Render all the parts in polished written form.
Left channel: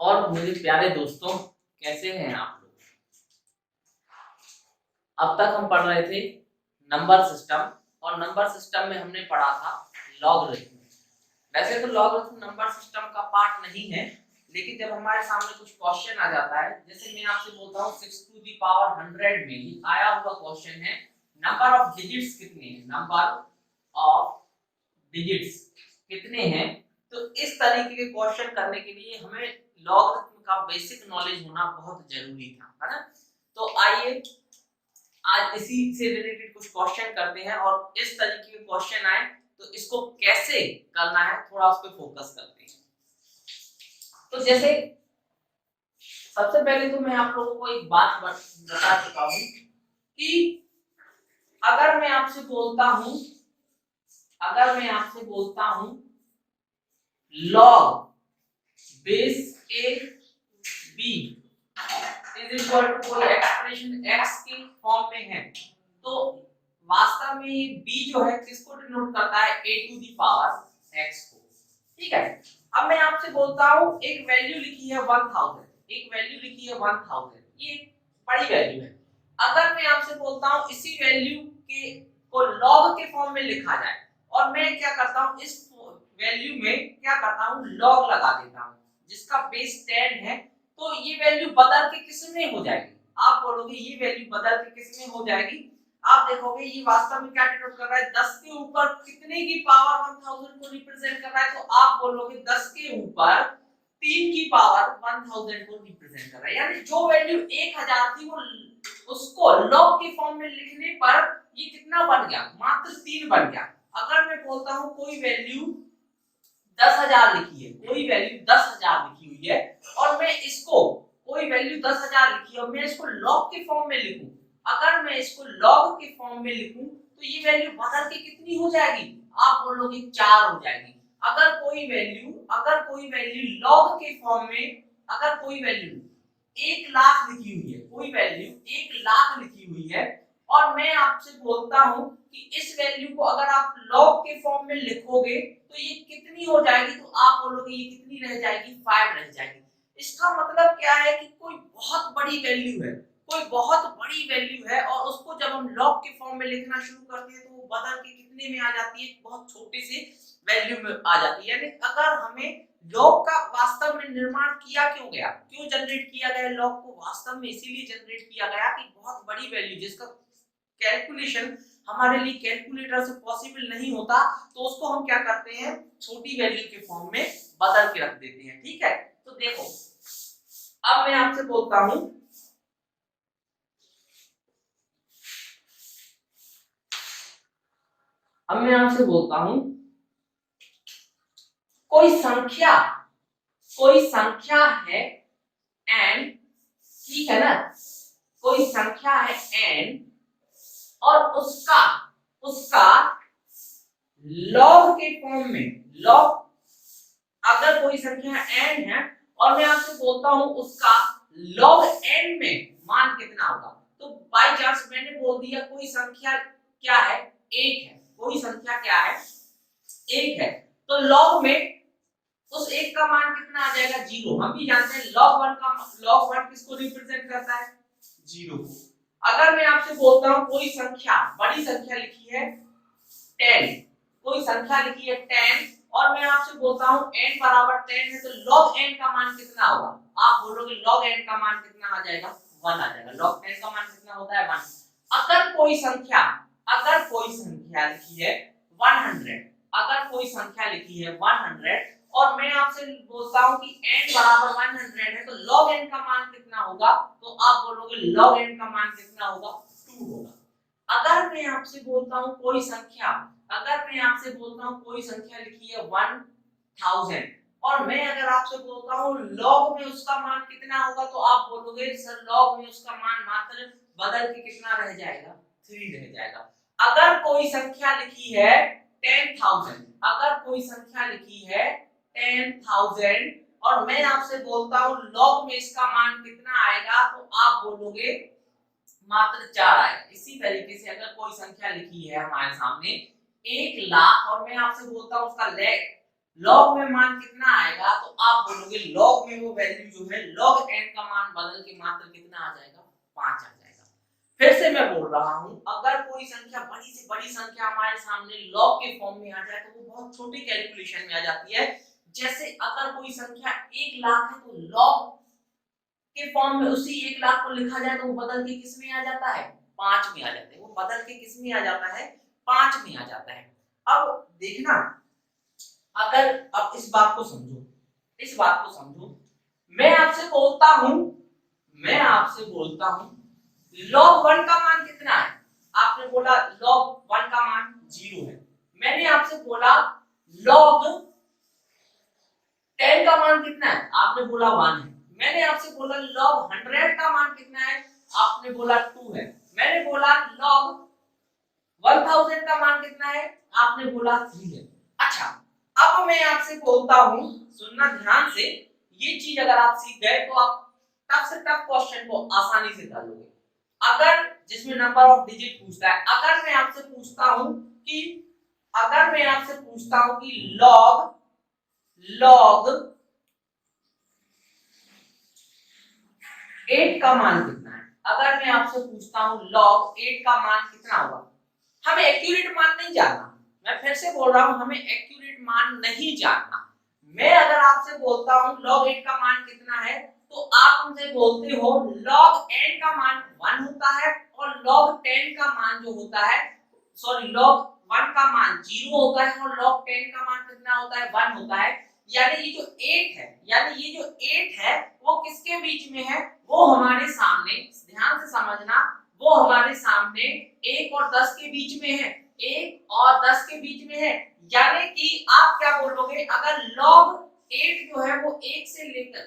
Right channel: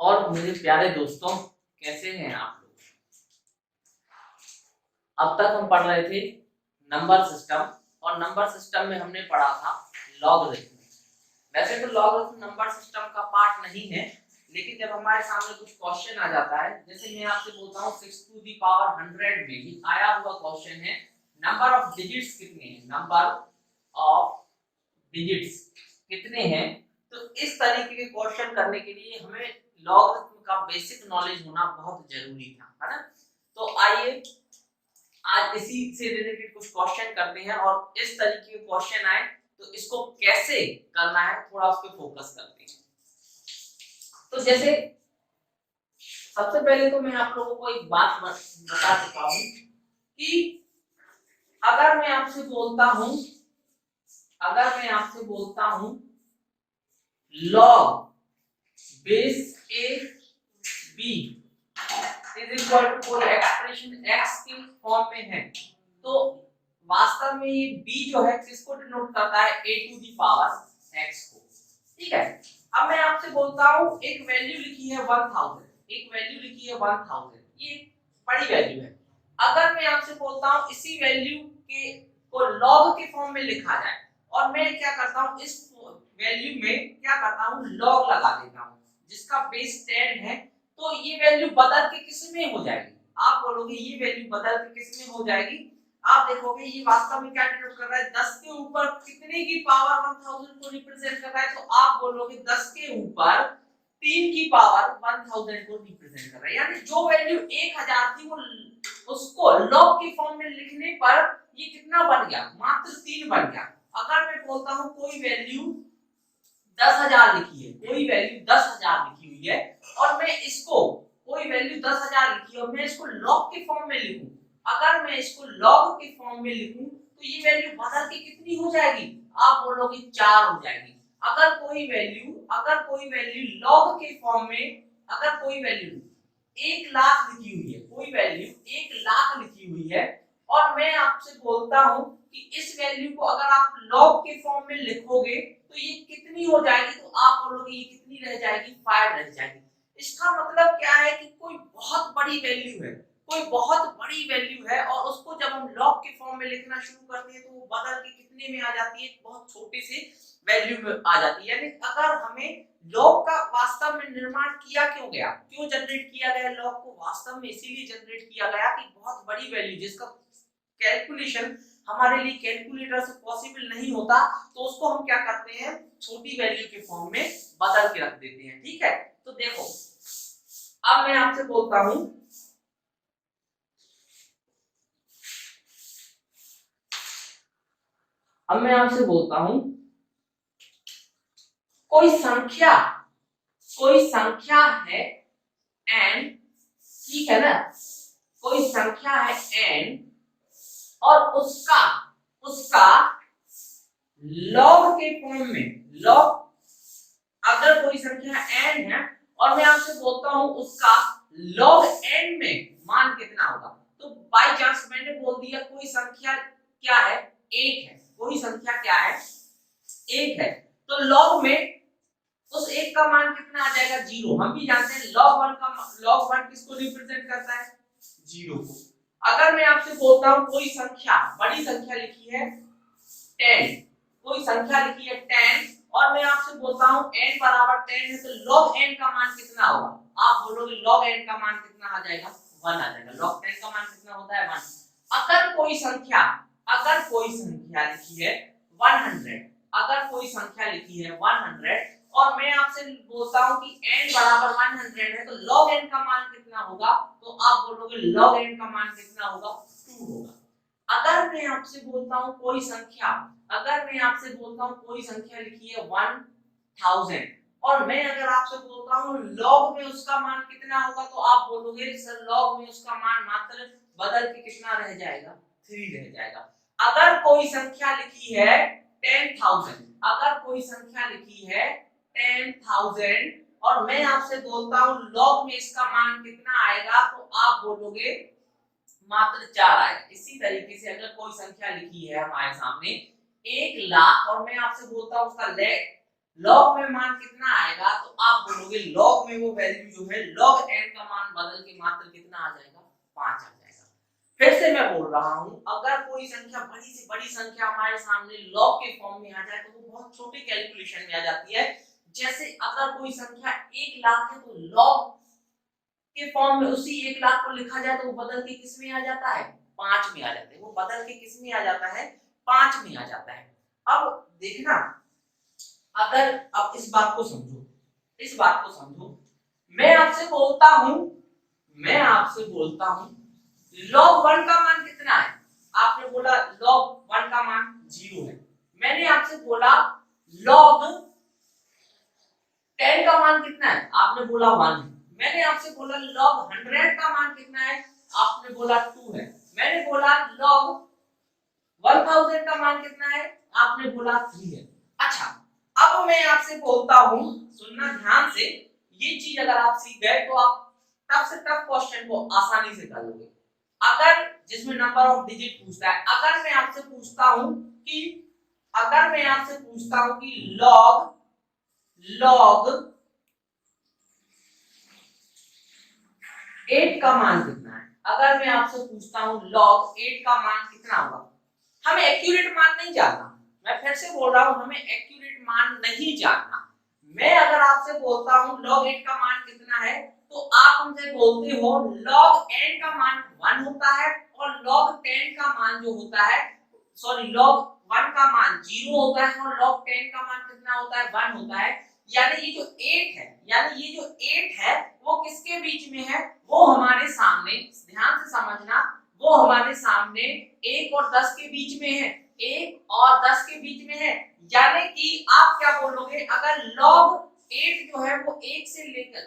और मेरे प्यारे दोस्तों, कैसे हैं आप लोग। अब तक हम पढ़ रहे थे नंबर सिस्टम, और नंबर सिस्टम में हमने पढ़ा था लॉगरिथम। वैसे तो लॉगरिथम नंबर सिस्टम का पार्ट नहीं है, लेकिन जब हमारे सामने कुछ क्वेश्चन आ जाता है, जैसे मैं आपसे बोलता हूँ 6 टू दी पावर 100 में ही आया हुआ क्वेश्चन है नंबर ऑफ डिजिट्स कितने हैं, नंबर ऑफ डिजिट्स कितने हैं। तो इस तरीके के क्वेश्चन करने के लिए हमें लॉगरिथम का बेसिक नॉलेज होना बहुत जरूरी था, है ना। तो आइए आज इसी से रिलेटेड कुछ क्वेश्चन करते हैं, और इस तरीके के क्वेश्चन आए तो इसको कैसे करना है थोड़ा उस पर फोकस करते हैं। तो जैसे सबसे पहले तो मैं आप लोगों को एक बात बता चुका हूं कि अगर मैं आपसे बोलता हूं log base A B is equal to कोई एक्सप्रेशन x की फॉर्म में है, तो वास्तव में ये b जो है किसको डिनोट करता है, a to the power x को। ठीक है, अब मैं आपसे बोलता हूं एक वैल्यू लिखी है 1000, ये बड़ी वैल्यू है। अगर मैं आपसे बोलता हूं इसी वैल्यू के को लॉग के फॉर्म में लिखा जाए, और मैं क्या करता हूं इस वैल्यू में क्या करता हूं लॉग लगा देता हूं जिसका बेस 10 है, तो ये वैल्यू बदल के किस में हो जाएगी, आप बोलोगे ये वैल्यू बदल के किस में हो जाएगी। आप देखोगे ये वास्तव में क्या डिनोट कर रहा है, 10 के ऊपर कितने की पावर 1000 को रिप्रेजेंट कर रहा है, तो आप बोलोगे 10 के ऊपर 3 की पावर 1000 को रिप्रेजेंट कर रहा है। यानी जो वैल्यू 1000 थी वो उसको लॉग के फॉर्म में लिखने पर ये कितना बन गया, मात्र 3 बन गया। अगर मैं बोलता हूं कोई वैल्यू 10,000 लिखी है, कोई वैल्यू 10,000 लिखी हुई है, और मैं इसको कोई वैल्यू 10,000 लिखी है और मैं इसको लॉग के फॉर्म में लिखूं, अगर मैं इसको लॉग के फॉर्म में लिखूं तो ये वैल्यू बदल के कितनी हो जाएगी, आप बोलोगे 4 हो जाएगी। अगर कोई वैल्यू लॉग के फॉर्म में, अगर कोई वैल्यू 1 लाख लिखी हुई है, कोई वैल्यू 1 लाख लिखी हुई है, और मैं आपसे बोलता हूं कि इस वैल्यू को अगर आप लॉग के फॉर्म में लिखोगे तो ये कितनी हो जाएगी, तो आप बोलोगे ये कितनी रह जाएगी, 5 रह जाएगी। इसका मतलब क्या है कि कोई बहुत बड़ी वैल्यू है, और उसको जब हम लॉग के फॉर्म में लिखना शुरू करते हैं तो वो बदल के कितने में आ जाती है, बहुत छोटे से वैल्यू में आ जाती है। यानी अगर हमें लॉग का वास्तव में निर्माण क्यों जनरेट किया गया, लॉग को वास्तव में इसीलिए जनरेट किया गया कि बहुत बड़ी वैल्यू जिसका कैलकुलेशन हमारे लिए कैलकुलेटर से पॉसिबल नहीं होता, तो उसको हम क्या करते हैं, छोटी वैल्यू के फॉर्म में बदल के रख देते हैं। ठीक है, तो देखो अब मैं आपसे बोलता हूं कोई संख्या है n, ठीक है ना, कोई संख्या है n और उसका लॉग के फॉर्म में, लॉग अगर कोई संख्या n है और मैं आपसे बोलता हूं उसका log n में मान कितना होगा, तो बाय चांस मैंने बोल दिया कोई संख्या क्या है, 1 है, कोई संख्या क्या है, 1 है, तो log में उस 1 का मान कितना आ जाएगा, 0। हम भी जानते हैं log 1 किसको रिप्रेजेंट करता है, 0 को। अगर मैं आपसे बोलता हूं कोई संख्या, बड़ी संख्या लिखी है 10, कोई संख्या लिखी है 10, और मैं आपसे बोलता हूं n बराबर 10 है, तो log n का मान कितना होगा, आप बोलोगे log n का मान कितना आ जाएगा, 1 आ जाएगा। log 10 का मान कितना होता है, 1। अगर कोई संख्या लिखी है 100, अगर कोई संख्या लिखी है 100 और मैं आपसे बोलता हूं कि n बराबर 100 है, तो log n का मान कितना होगा, तो आप बोलोगे log n का मान कितना होगा, 2 होगा। अगर मैं आपसे बोलता हूं कोई संख्या लिखी है 1000, और मैं अगर आपसे बोलता हूं log में उसका मान कितना होगा, तो आप बोलोगे सर log में उसका मान मात्र बदल के कितना रह जाएगा, 3 रह जाएगा। अगर कोई संख्या लिखी है 10,000, और मैं आपसे बोलता हूं log में इसका मान कितना आएगा, तो आप बोलोगे मात्र 4 आएगा। इसी तरीके से अगर कोई संख्या लिखी है हमारे सामने 1 लाख और मैं आपसे बोलता हूं उसका लॉग में मान कितना आएगा, तो आप बोलोगे लॉग में वो वैल्यू जो है log n का मान बदल के मात्र कितना आ जाएगा, 5 आ जाएगा। फिर से मैं बोल रहा हूं, अगर कोई संख्या बड़ी से बड़ी संख्या हमारे सामने लॉग के फॉर्म में आ जाए तो वो बहुत छोटी कैलकुलेशन में आ जाती है। जैसे अगर कोई संख्या 1 लाख है तो लॉग के फॉर्म में उसी 1 लाख को लिखा जाए तो वो बदल के किस में आ जाता है, 5 में आ जाता है। वो बदल के किस में आ जाता है, 5 में आ जाता है। अब देखना, अगर अब इस बात को समझो, इस बात को समझो, मैं आपसे बोलता हूं log 1 का मान कितना है, आपने बोला log 1 का मान 0 है। मैंने आपसे बोला log 10 का मान कितना है, आपने बोला 1 है। मैंने आपसे बोला log 100 का मान कितना है, आपने बोला 2 है। मैंने बोला log 1000 का मान कितना है, आपने बोला 3 है। अच्छा, अब मैं आपसे बोलता हूं, सुनना ध्यान से, ये चीज अगर आप सीख गए तो आप टफ से टफ क्वेश्चन को आसानी से कर लोगे। अगर जिसमें नंबर ऑफ डिजिट पूछता है, अगर मैं आपसे पूछता हूं कि log 8 का मान कितना है, अगर मैं आपसे पूछता हूं log 8 का मान कितना होगा, हमें एक्यूरेट मान नहीं जानना। मैं फिर से बोल रहा हूं, हमें एक्यूरेट मान नहीं जानना। मैं अगर आपसे बोलता हूं log 8 का मान कितना है, तो आप हमसे बोलते हो log n का मान 1 होता है और log 10 का मान जो होता है, सॉरी log 1 का मान 0 होता है और log 10 का मान कितना होता है, 1 होता है। यानी ये जो 8 है वो किसके बीच में है, वो हमारे सामने, ध्यान से समझना, वो हमारे सामने 1 और 10 के बीच में है, 1 और 10 के बीच में है। यानी कि आप क्या बोलोगे, अगर log 8 जो है वो 1 से लेकर,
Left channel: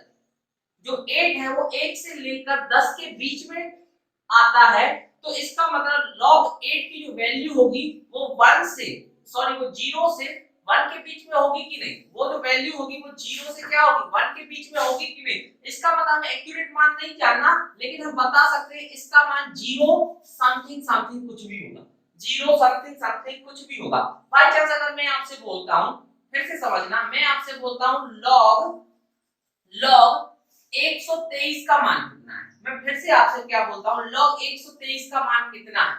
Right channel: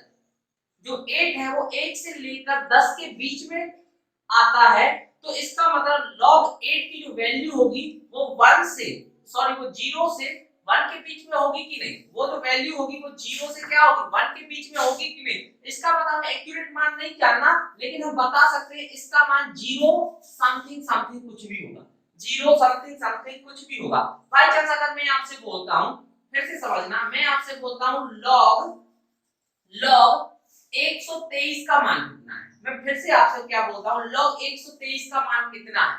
जो 8 है वो 1 से लेकर 10 के बीच में आता है, तो इसका मतलब log 8 की जो वैल्यू होगी वो 1 से, सॉरी वो 0 से 1 के बीच में होगी कि नहीं, वो जो वैल्यू होगी वो 0 से क्या होगी, 1 के बीच में होगी कि नहीं। इसका मतलब हमें एक्यूरेट मान नहीं जानना, लेकिन हम बता सकते हैं इसका मान 0 समथिंग समथिंग कुछ भी होगा, 0 समथिंग समथिंग कुछ भी होगा। बाई चांस अगर मैं आपसे बोलता हूं, फिर से समझना, मैं आपसे बोलता हूं log 123 का मान कितना है, मैं फिर से आपसे क्या बोलता हूं, log 123 का मान कितना है,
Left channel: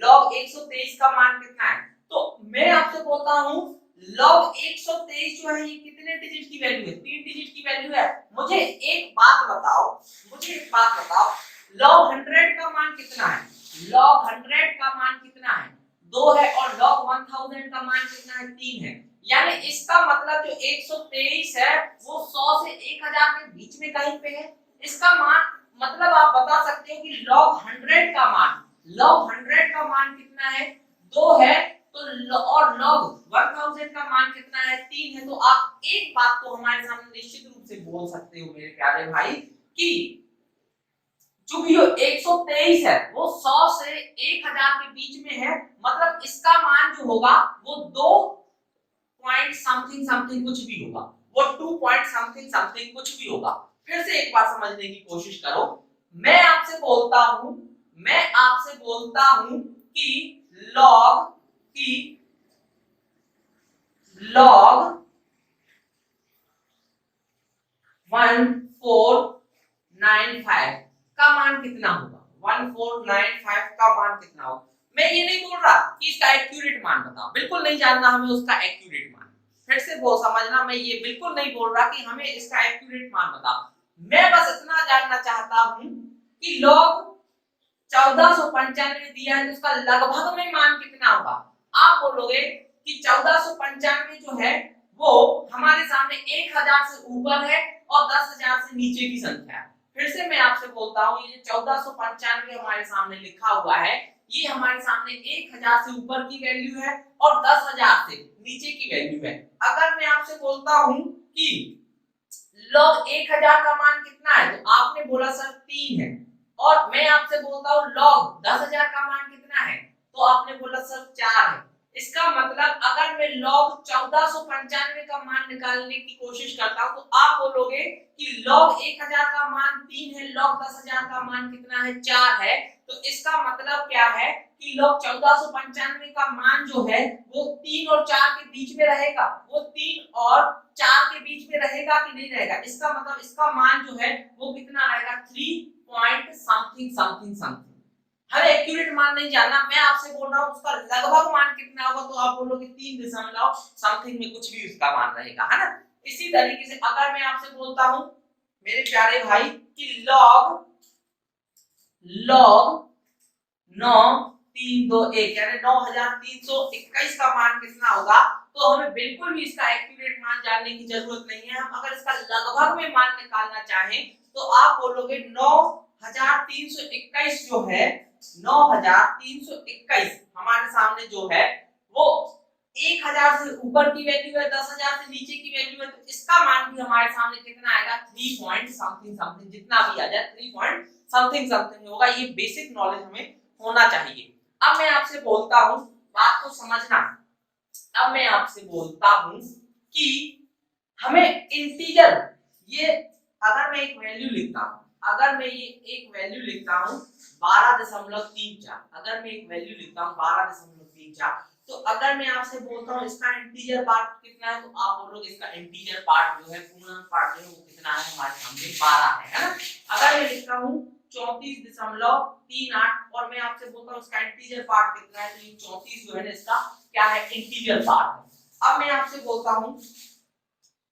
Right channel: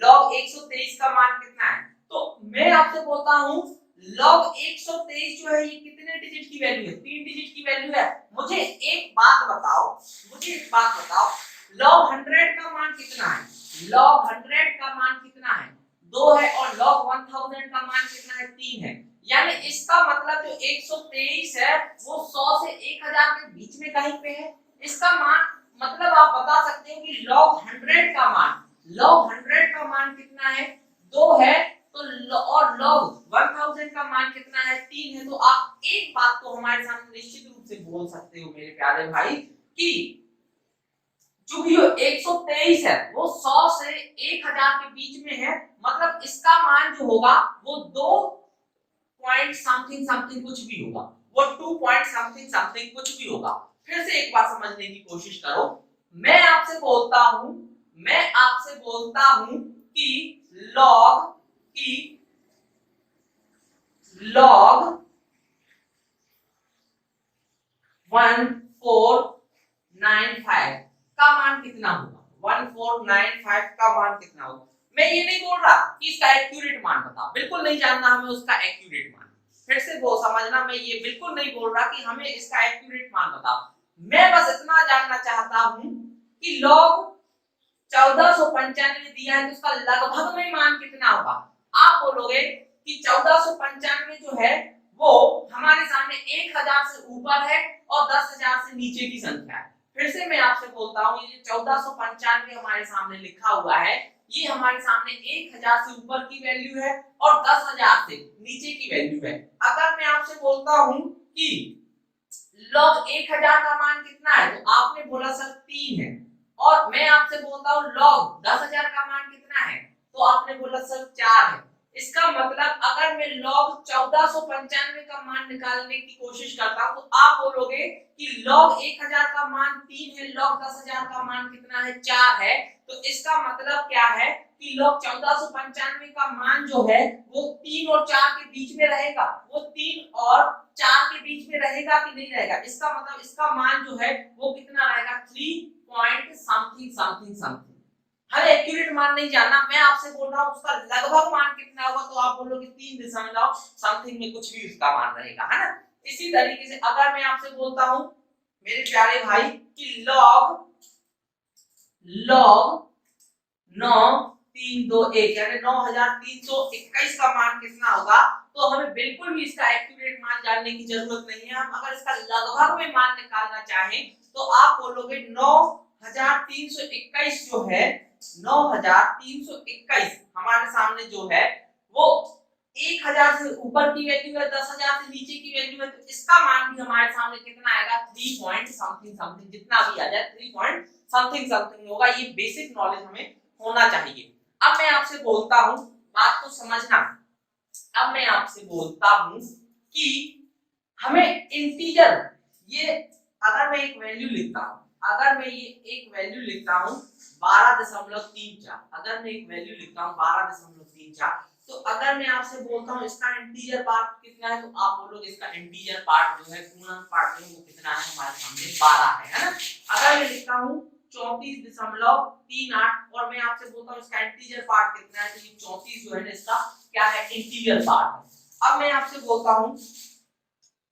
log 123 का मान कितना है, तो मैं आपसे बोलता हूं log 123 जो है ये कितने डिजिट की वैल्यू है, 3 डिजिट की वैल्यू है। मुझे एक बात बताओ, log 100 का मान कितना है, log 100 का मान कितना है, 2 है, और log 1000 का मान कितना है, 3 है। यानी इसका मतलब जो 123 है वो 100 से 1000 के बीच में कहीं पे है। इसका मान मतलब आप बता सकते हो कि log 100 का मान कितना है, 2 है, तो और log 1000 का मान कितना है, 3 है। तो आप एक बात तो हमारे सामने निश्चित रूप से बोल सकते हो मेरे प्यारे भाई, कि चूंकि जो 123 है वो 100 से 1000 के बीच में है, मतलब इसका मान जो होगा वो 2 पॉइंट समथिंग समथिंग कुछ भी होगा, वो 2 पॉइंट समथिंग समथिंग कुछ भी होगा। फिर से एक बार समझने की कोशिश करो, मैं आपसे बोलता हूं कि log 1495 का मान कितना होगा, 1495 का मान कितना होगा। मैं ये नहीं बोल रहा कि इसका एक्यूरेट मान बताओ, बिल्कुल नहीं जानना हमें उसका एक्यूरेट मान। फिर से वो समझना, मैं ये बिल्कुल नहीं बोल रहा कि हमें इसका एक्यूरेट मान बताओ। मैं बस इतना जानना चाहता हूं कि log 1495 दिया है तो उसका लगभग में मान कितना होगा। आप बोलोगे कि 1495 जो है वो हमारे सामने 1000 से ऊपर है और 10000 से नीचे की संख्या है। फिर से मैं आपसे बोलता हूं, ये 1495 हमारे सामने लिखा हुआ है, ये हमारे सामने 1000 से ऊपर की वैल्यू है और 10000 से नीचे की वैल्यू है। अगर मैं आपसे बोलता हूं कि log 1000 का मान कितना है, तो आपने बोला सर 3 है, और मैं आपसे बोलता हूं log 10000 का मान कितना है, तो आपने बोला सर 4 है। इसका मतलब अगर मैं log 1495 का मान निकालने की कोशिश करता हूं, तो आप बोलोगे कि log 1000 का मान 3 है, log 10000 का मान कितना है, 4 है। तो इसका मतलब क्या है कि log 1495 का मान जो है वो 3 और 4 के बीच में रहेगा, वो 3 और 4 के बीच में रहेगा कि नहीं रहेगा। इसका मतलब इसका मान जो है वो कितना रहेगा, 3 पॉइंट समथिंग समथिंग समथिंग। हमें एक्यूरेट मान नहीं जानना, मैं आपसे बोल रहा हूँ उसका लगभग मान कितना होगा, तो आप बोलोगे 3 दशमलव समथिंग में कुछ भी उसका मान रहेगा, है ना। इसी तरीके से अगर मैं आपसे बोलता हूं मेरे प्यारे भाई कि log 9321 यानी 9321 का मान कितना होगा, तो हमें बिल्कुल भी इसका एक्यूरेट मान जानने की जरूरत नहीं है। हम अगर इसका लगभग में मान निकालना चाहें तो आप बोलोगे 9321 जो है 9321 हमारे सामने जो है वो 1000 से ऊपर की वैल्यू है, 10,000 से नीचे की वैल्यू है, तो इसका मान भी हमारे सामने कितना आएगा, 3 पॉइंट समथिंग समथिंग, जितना भी आ जाए 3 पॉइंट समथिंग समथिंग होगा। ये बेसिक नॉलेज हमें होना चाहिए। अब मैं आपसे बोलता हूं, बात को समझना, अब मैं आपसे बोलता हूं कि हमें इंटीजर, ये अगर मैं एक वैल्यू लिखता हूं, अगर मैं ये एक वैल्यू लिखता हूं 12.34, अगर मैं एक वैल्यू लिखता हूं 12.34, तो अगर मैं आपसे बोलता हूं इसका इंटीजर पार्ट कितना है, तो आप बोलोगे इसका इंटीजर पार्ट जो है, पूर्णांक पार्ट जो है वो कितना है, हमारे सामने 12 है ना। अगर मैं लिखता हूं 34.38 और मैं आपसे बोलता हूं इसका इंटीजर पार्ट कितना है, तो ये 34 जो है ना इसका क्या है, इंटीजर पार्ट है। अब मैं आपसे बोलता हूं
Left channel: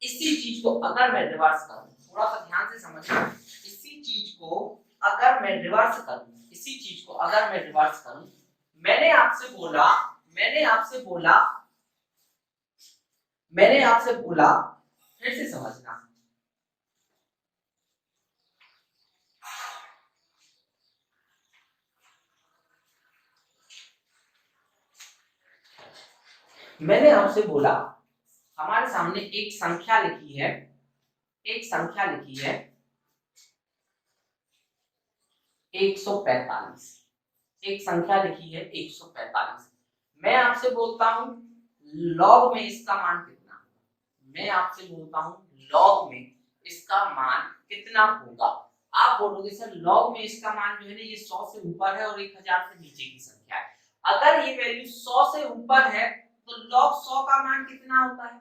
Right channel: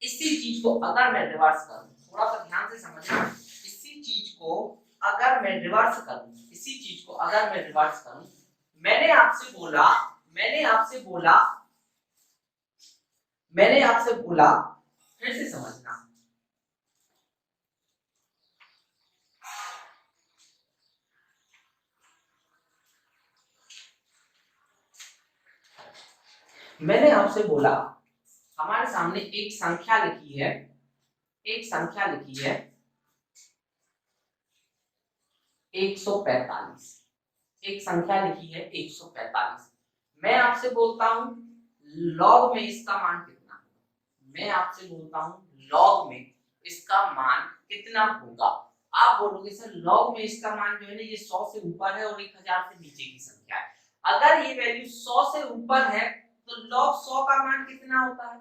इसी चीज को अगर मैं रिवर्स करूं, थोड़ा सा ध्यान से समझना, इसी चीज को अगर मैं रिवर्स करूं, इसी चीज को अगर मैं रिवर्स करूं, मैंने आपसे बोला फिर से समझना, मैंने आपसे बोला हमारे सामने एक संख्या लिखी है, एक संख्या लिखी है 145, एक संख्या लिखी है 145। मैं आपसे बोलता हूं लॉग में इसका मान कितना होगा, मैं आपसे बोलता हूं लॉग में इसका मान कितना होगा। आप बोलोगे सर लॉग में इसका मान जो है ना ये 100 से ऊपर है और 1000 से नीचे की संख्या है। अगर ये वैल्यू 100 से ऊपर है तो log 100 का मान कितना होता है,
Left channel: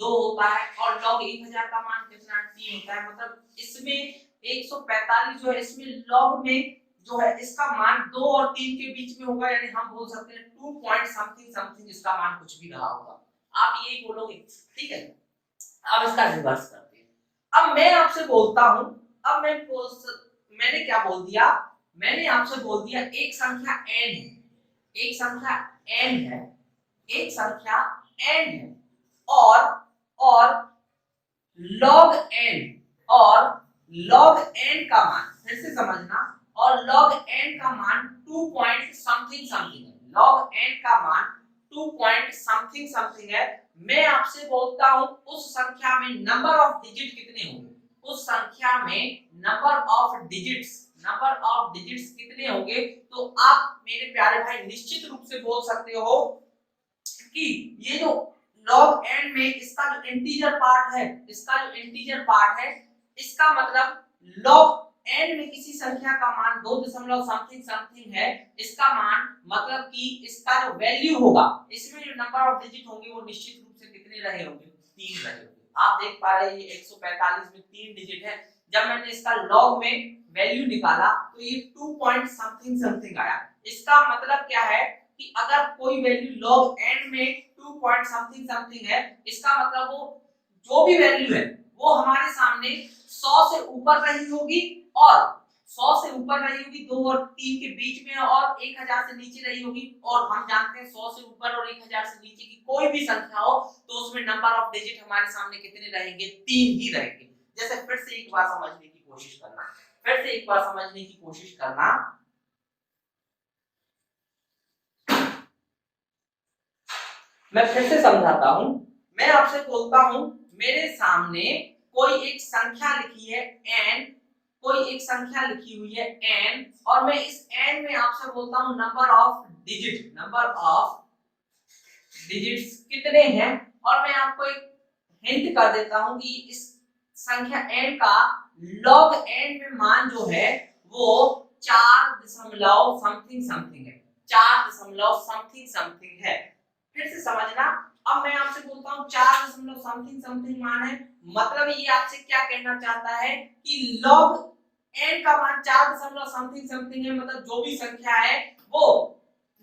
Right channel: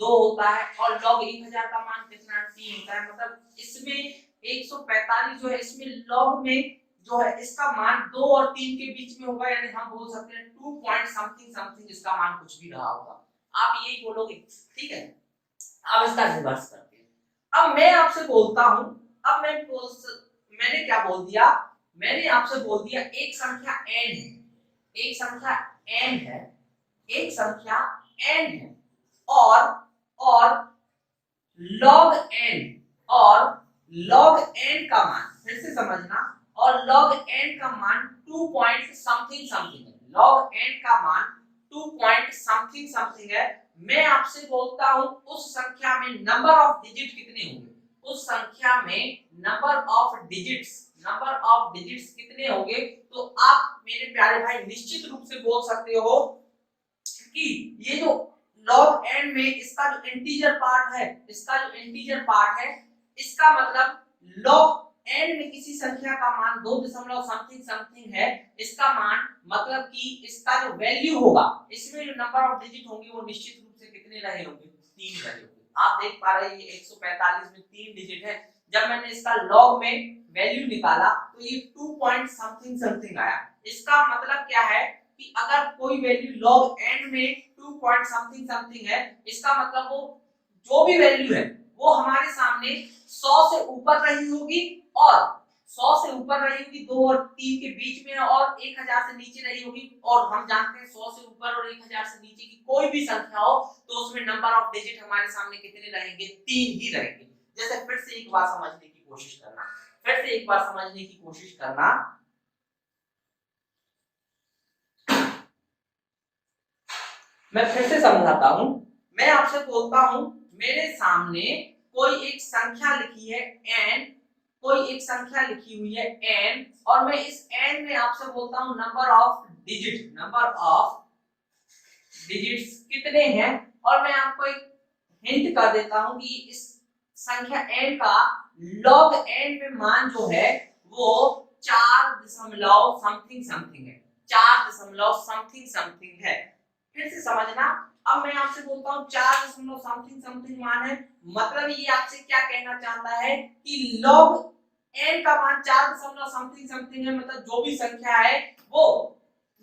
2 होता है, और log 1000 का मान कितना है, 3 होता है। मतलब इसमें 145 जो है इसमें log में जो है इसका मान 2 और 3 के बीच में होगा, यानी हम बोल सकते हैं 2 पॉइंट समथिंग समथिंग इसका मान कुछ भी रहा होगा, आप यही बोलोगे, ठीक है। अब इसका रिवर्स करते हैं। अब मैं आपसे बोलता हूं, अब मैंने क्या बोल दिया, मैंने आपसे बोल दिया एक संख्या n है, एक संख्या n है, एक संख्या n है, और log n, और log n का मान फिर से समझना, और log n का मान 2 पॉइंट समथिंग समथिंग है, log n का मान 2 पॉइंट समथिंग समथिंग है। मैं आपसे बोलता हूं उस संख्या में नंबर ऑफ डिजिट कितने होंगे, उस संख्या में नंबर ऑफ डिजिट्स कितने होंगे, तो आप मेरे प्यारे भाई निश्चित रूप से बोल सकते हो कि ये जो log n में इसका जो इंटीजर पार्ट है, इसका जो इंटीजर पार्ट है, इसका मतलब log n में किसी संख्या का मान 2 दशमलव समथिंग समथिंग है, इसका मान मतलब कि इसका जो वैल्यू होगा, इसमें जो नंबर ऑफ डिजिट होंगे वो निश्चित रूप से कितने रहे होंगे, 3 रहे होंगे। आप देख पा रहे हैं ये 145 में 3 डिजिट है, जब मैंने इसका log में वैल्यू निकाला तो ये 2 पॉइंट समथिंग समथिंग आया। इसका मतलब क्या है कि अगर कोई वैल्यू log n में 2 पॉइंट समथिंग समथिंग है, इसका मतलब वो जो भी वैल्यू है वो हमारे सामने 100 से ऊपर रही होगी, और 100 से ऊपर रही होगी, 2 और 3 के बीच में, और 1000 से नीचे रही होगी। और हम जानते हैं 100 से ऊपर और 1000 से नीचे की कोई भी संख्या हो तो उसमें नंबर ऑफ डिजिट हमारे सामने कितने रहेंगे, 3 ही रहेंगे। जैसे फिर से एक बार समझने की कोशिश करना, फिर से एक बार समझने की कोशिश करना, मैं फिर से समझाता हूं। मैं आपसे बोलता हूं मेरे सामने कोई एक संख्या लिखी है n, कोई एक संख्या लिखी हुई है n, और मैं इस n में आपसे बोलता हूं नंबर ऑफ डिजिट्स कितने हैं, और मैं आपको एक हिंट कर देता हूं कि इस संख्या n का log n में मान जो है वो 4 दशमलव समथिंग समथिंग है। 4 दशमलव समथिंग समथिंग है। फिर से समझना, अब मैं आपसे बोलता हूँ 4 दशमलव समथिंग समथिंग मान है, मतलब ये आपसे क्या कहना चाहता है कि log n का मान 4 दशमलव समथिंग समथिंग है, मतलब जो भी संख्या है वो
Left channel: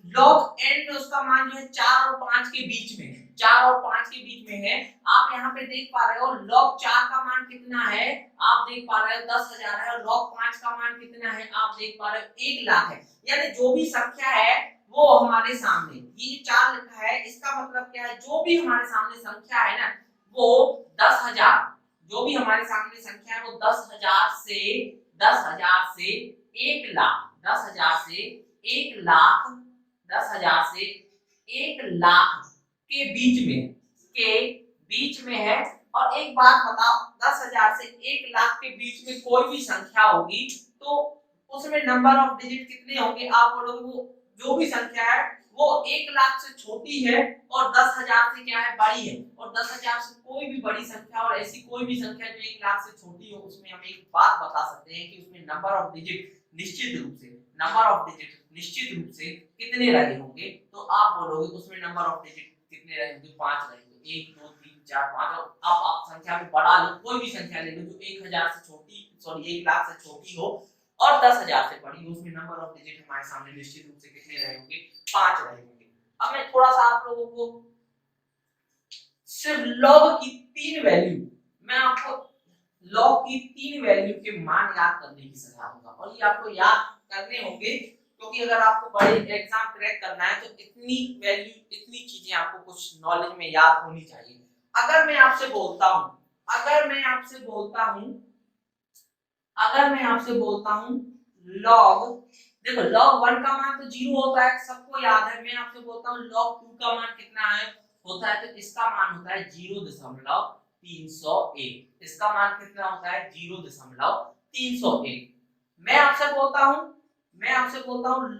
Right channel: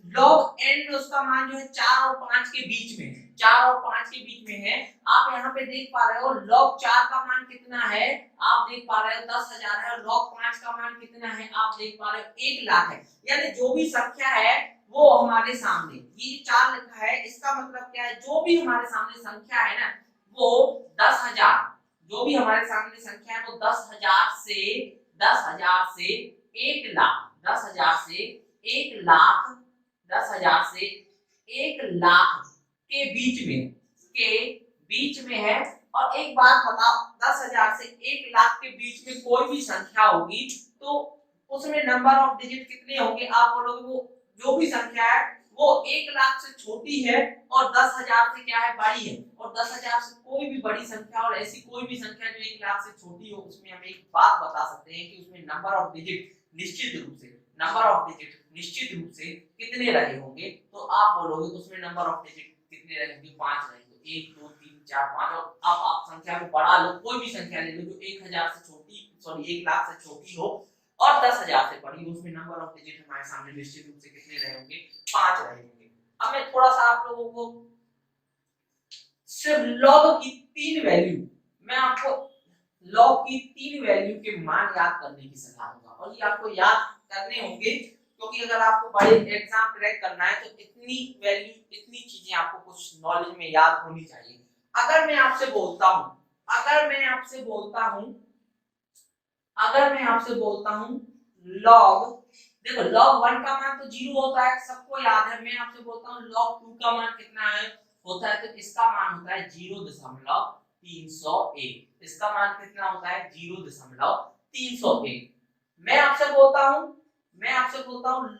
log n में उसका मान जो है 4 और 5 के बीच में है, 4 और 5 के बीच में है। आप यहाँ पे देख पा रहे हो log 4 का मान कितना है, आप देख पा रहे हो 10,000 है, और log 5 का मान कितना है, आप देख पा रहे हो 1 लाख है। यानी जो भी संख्या है वो हमारे सामने, ये 4 लिखा है, इसका मतलब क्या है, जो भी हमारे सामने संख्या है ना वो 10,000, जो भी हमारे सामने संख्या है वो 10,000 से 1 लाख, 10,000 से 1 लाख, 10,000 से 1 लाख के बीच में है। और एक बात बताओ, 10,000 से 1 लाख के बीच में कोई भी संख्या होगी तो उसमें नंबर ऑफ डिजिट कितने होंगे, आप बोलोगे वो जो भी संख्या है वो 1 लाख से छोटी है और 10,000 से क्या है, बड़ी है। और 10,000 से कोई भी बड़ी संख्या और ऐसी कोई भी संख्या जो 1 लाख से छोटी हो, उसमें हम एक बात बता सकते हैं कि उसमें नंबर ऑफ डिजिट निश्चित रूप से कितने रहे होंगे। तो आप बोलोगे उसमें नंबर ऑफ डिजिट कितने रहेंगे, 5 रहेंगे, 1 2 3 4 5। और अब आप संख्या को बढ़ा लो, कोई भी संख्या ले लो जो 1,000 से छोटी, सॉरी 1 लाख से छोटी हो और 10,000 से बड़ी हो, उसमें नंबर ऑफ डिजिट हमारे सामने निश्चित रूप से कितने रहे होंगे, 5 रहे होंगे। अब मैं थोड़ा सा आप लोगों को सिर्फ log की 3 वैल्यू, मैं आपको log की 3 वैल्यू के मान याद करने की सलाह दूंगा, और ये आपको याद करने होंगे क्योंकि अगर आपको बड़े एग्जाम क्रैक करना है तो इतनी वैल्यू, इतनी चीजें आपको कुछ नॉलेज में याद होनी चाहिए। अगर मैं आपसे बोलता हूं, अगर मैं आपसे बोलता हूं log, देखो log 1 का मान तो 0 होता है, सबको याद है। मैं आपसे बोलता हूं log 2 का मान कितना है होता है, तो इसका मान होता है 0.301, इसका मान कितना होता है 0.301। मैं आपसे बोलता हूं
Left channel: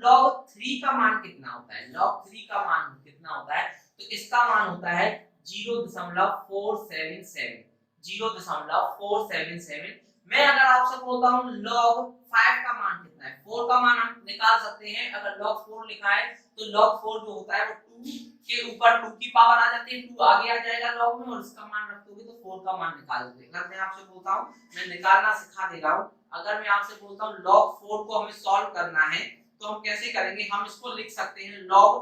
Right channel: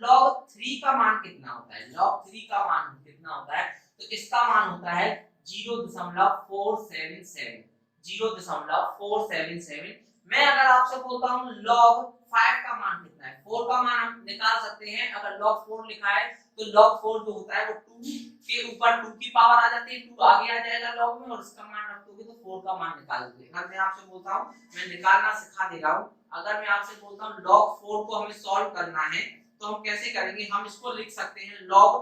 log 3 का मान कितना होता है, log 3 का मान कितना होता है, तो इसका मान होता है 0.477, 0.477। मैं अगर आपसे बोलता हूं log 5 का मान कितना है, 4 का मान हम निकाल सकते हैं, अगर log 4 लिखा है तो log 4 जो होता है वो 2 के ऊपर 2 की पावर आ जाती है, 2 आगे आ जाएगा log में, और इसका मान रख दोगे तो 4 का मान निकाल दोगे। अगर मैं आपसे बोलता हूं, मैं निकालना सिखा दे रहा हूं, अगर मैं आपसे बोलता हूं log 4 को हमें सॉल्व करना है तो हम कैसे करेंगे, हम इसको लिख सकते हैं log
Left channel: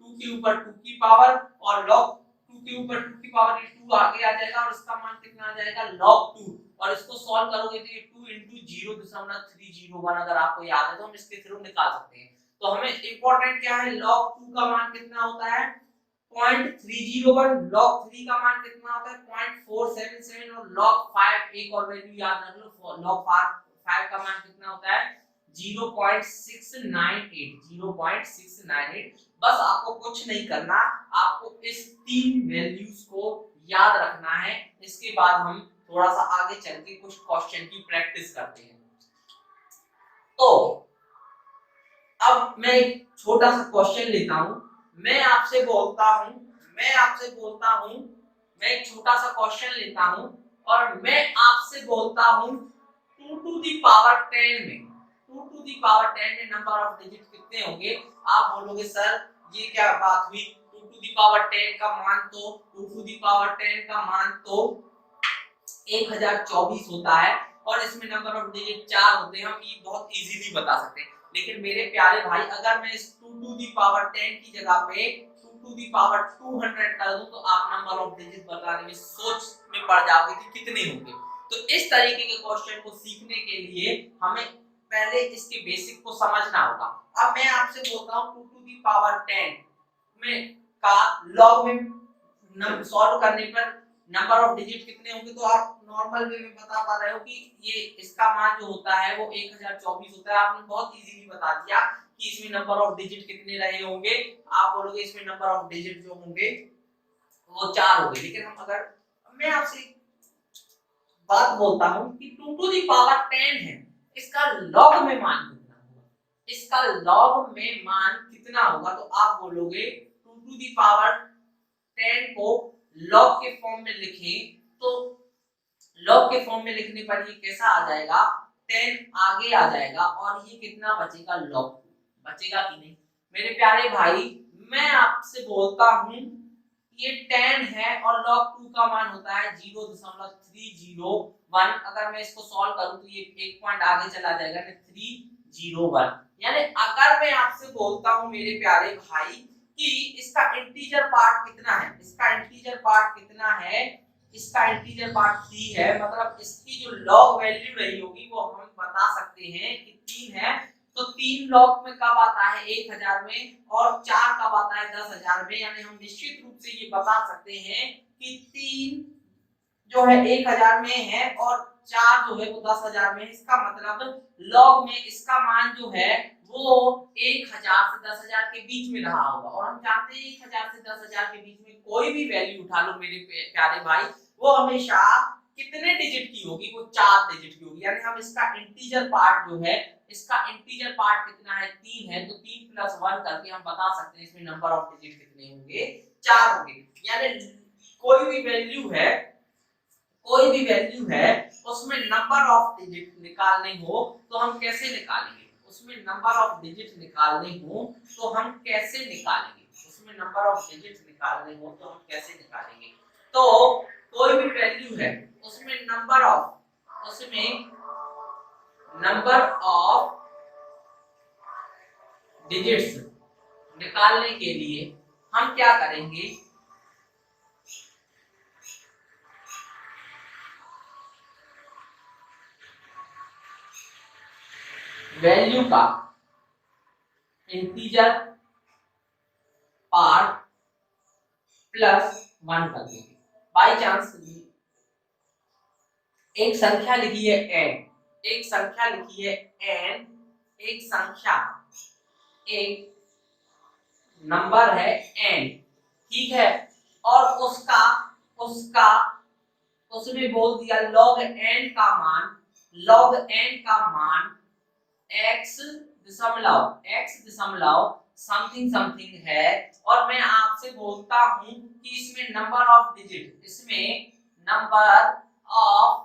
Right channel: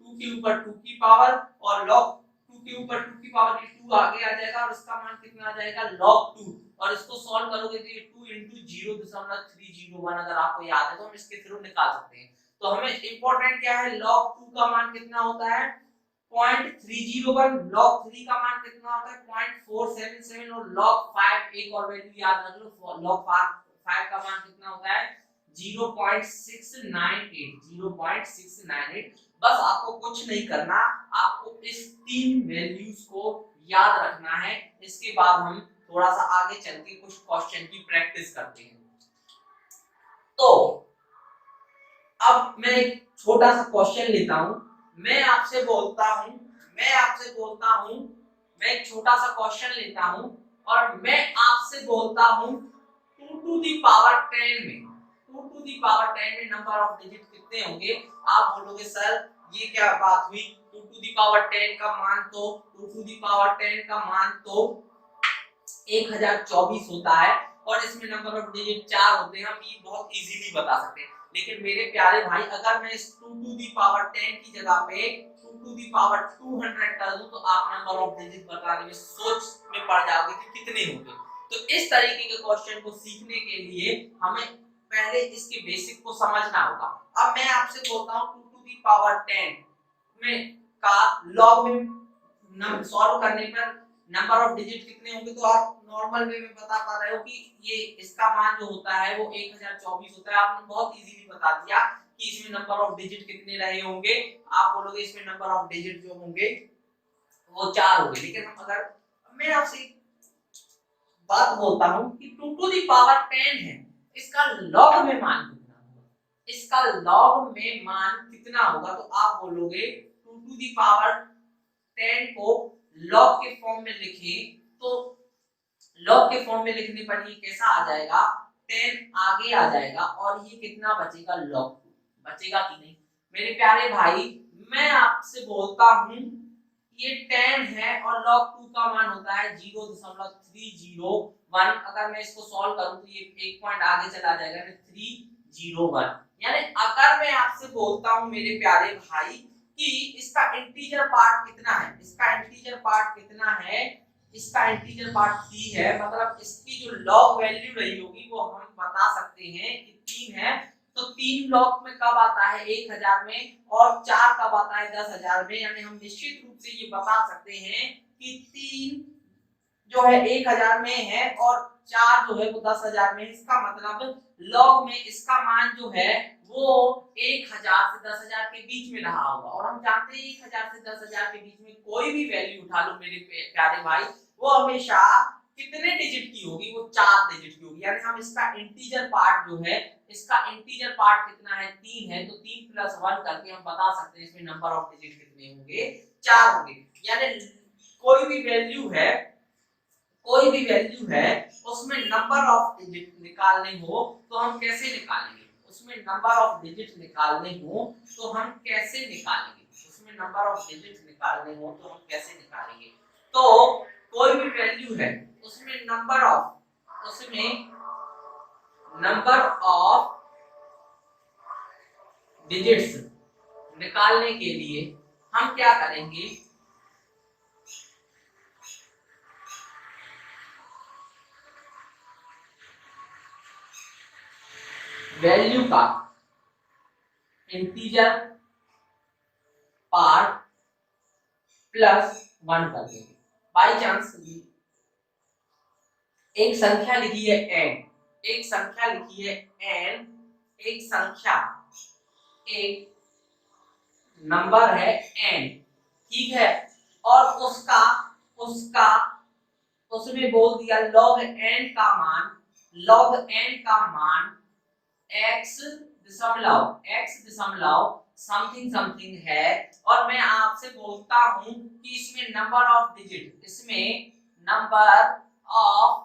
2 के ऊपर 2 की पावर, और log 2 के ऊपर 2 की पावर ये 2 आगे आ जाएगा और इसका मान कितना आ जाएगा log 2, और इसको सॉल्व करोगे तो ये 2 into 0.301 अगर आपको याद है तो हम इसके थ्रू निकाल सकते हैं। तो हमें इंपॉर्टेंट क्या है, log 2 का मान कितना होता है 0.301, log 3 का मान कितना होता है 0.477, और log 5 एक और वैल्यू याद रख लो, log 5 का मान कितना होता है 0.698, 0.698। बस आपको कुछ नहीं करना, आपको इस 3 वैल्यूज को याद रखना है। इसके बाद हम थोड़ा सा आगे चल के कुछ क्वेश्चन की प्रैक्टिस करते हैं। तो अब मैं एक छोटा सा क्वेश्चन लेता हूं, मैं आपसे बोलता हूं मैं एक छोटा सा क्वेश्चन लेता हूं और मैं आपसे बोलता हूं 2 to the power 10 में, 2 to the power 10 में नंबर ऑफ डिजिट कितने होंगे। आप बोलोगे सर ये क्या बात हुई, 2 to the power 10 का मान तो 2 to the power 10 का मान तो 1024 होता है और इसमें नंबर ऑफ डिजिट 4 होते हैं, हम ये बहुत इजीली बता सकते हैं। लेकिन मेरे प्यारे भाई, अगर मैं इस 2 to the power 10 की जगह पे 2 to the power 200 कर दूं तो आप नंबर ऑफ डिजिट बताने में सोच में पड़ जाओगे कि कितने होंगे। तो इस तरीके के क्वेश्चन को सीखने के लिए हमें पहले इसके बेसिक को समझना होगा। अब मैं आपसे बोलता हूं 2 to the power 10 में का लॉग में सॉल्व करने पर नंबर ऑफ डिजिट कितने होंगे, तो आप नॉर्मल वे में बता पा रहे हो कि ये इसका मान जो होता है वो 1024 होता है। आपने बहुत इजीली बता दिया कि इसमें नंबर ऑफ डिजिट कितने रहे होंगे। आप बोलोगे इसमें नंबर ऑफ डिजिट जो होंगे वो 4 होंगे। लेकिन हम अगर मैं आपसे बात बोलता हूं कि 2 to the power 10 है, इसका लॉग में मान कितना होगा, इसका लॉग में मान कितना होगा, तो आप बोलोगे 2 to the power 10 को लॉग के फॉर्म में लिखें तो लॉग के फॉर्म में लिखने पर ये कैसा आ जाएगा, 10 आगे आ जाएगा और ये कितना बचेगा log 2 बचेगा कि नहीं। मेरे प्यारे भाई मैं आपसे बोलता हूं ये 10 है और log 2 का मान होता है 0.301। अगर मैं इसको सॉल्व करूं तो ये एक पॉइंट आगे चला जाएगा 301। यानी अगर मैं आपसे बोलता हूं मेरे प्यारे भाई कि इसका इंटीजर पार्ट कितना है, इसका इंटीजर पार्ट कितना है, इसका इंटीजर पार्ट 3 है, मतलब इसकी जो लॉग वैल्यू रही होगी वो हम बता सकते हैं कि 3 है। तो 3 लॉग में कब आता है 1000 में, और 4 कब आता है 10,000 में। यानी हम निश्चित रूप से ये बता सकते हैं कि 3 जो है 1000 में है और 4 जो है वो 10,000 में है। इसका मतलब लॉग में इसका मान जो है वो 1000 से 10,000 के बीच में रहा होगा। और हम जानते हैं 1000 से 10,000 के बीच में कोई भी वैल्यू उठा लो मेरे प्यारे भाई, वो हमेशा कितने डिजिट की होगी, वो 4 डिजिट की होगी। यानी हम इसका इंटीजर पार्ट जो है, इसका इंटीजर पार्ट कितना है 3 है, तो 3 + 1 करके हम बता सकते हैं इसमें नंबर ऑफ डिजिट कितने होंगे, 4 होंगे। यानी कोई भी वैल्यू है, कोई भी वैल्यू है उसमें नंबर ऑफ डिजिट निकालने हो तो हम कैसे निकालेंगे, उसमें नंबर ऑफ डिजिट निकालने हो तो हम कैसे निकालेंगे, उसमें नंबर ऑफ डिजिट निकालने हो तो हम कैसे निकालेंगे। तो कोई भी वैल्यू है उसमें नंबर ऑफ डिजिट्स निकालने के लिए हम क्या करेंगे, वैल्यू का इंटीजर पार्ट +1 कर देंगे। बाई चांस एक संख्या लिखी है n, एक संख्या लिखी है n, एक संख्या, एक नंबर है n, ठीक है, और उसका उसका उसमें बोल दिया log n का मान, log n का मान x दशमलव समथिंग समथिंग है। और मैं आपसे बोलता हूं कि इसमें नंबर ऑफ डिजिट, इसमें नंबर ऑफ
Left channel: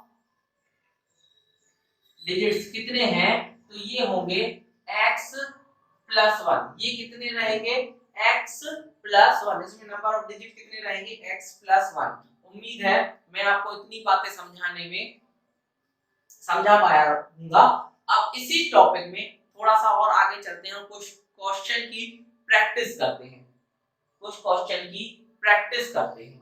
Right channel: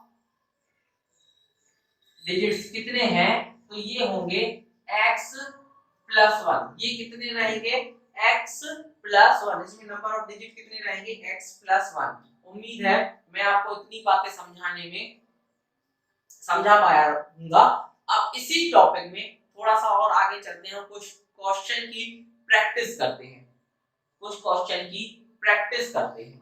डिजिट्स कितने हैं, तो ये होंगे x + 1। ये कितने रहेंगे x + 1, इसमें नंबर ऑफ डिजिट कितने रहेंगे x + 1। उम्मीद है मैं आपको इतनी बातें समझाने में समझा पाया हूंगा। अब इसी टॉपिक में थोड़ा सा और आगे चलते हैं और कुछ क्वेश्चन की प्रैक्टिस करते हैं, कुछ क्वेश्चन की प्रैक्टिस करते हैं।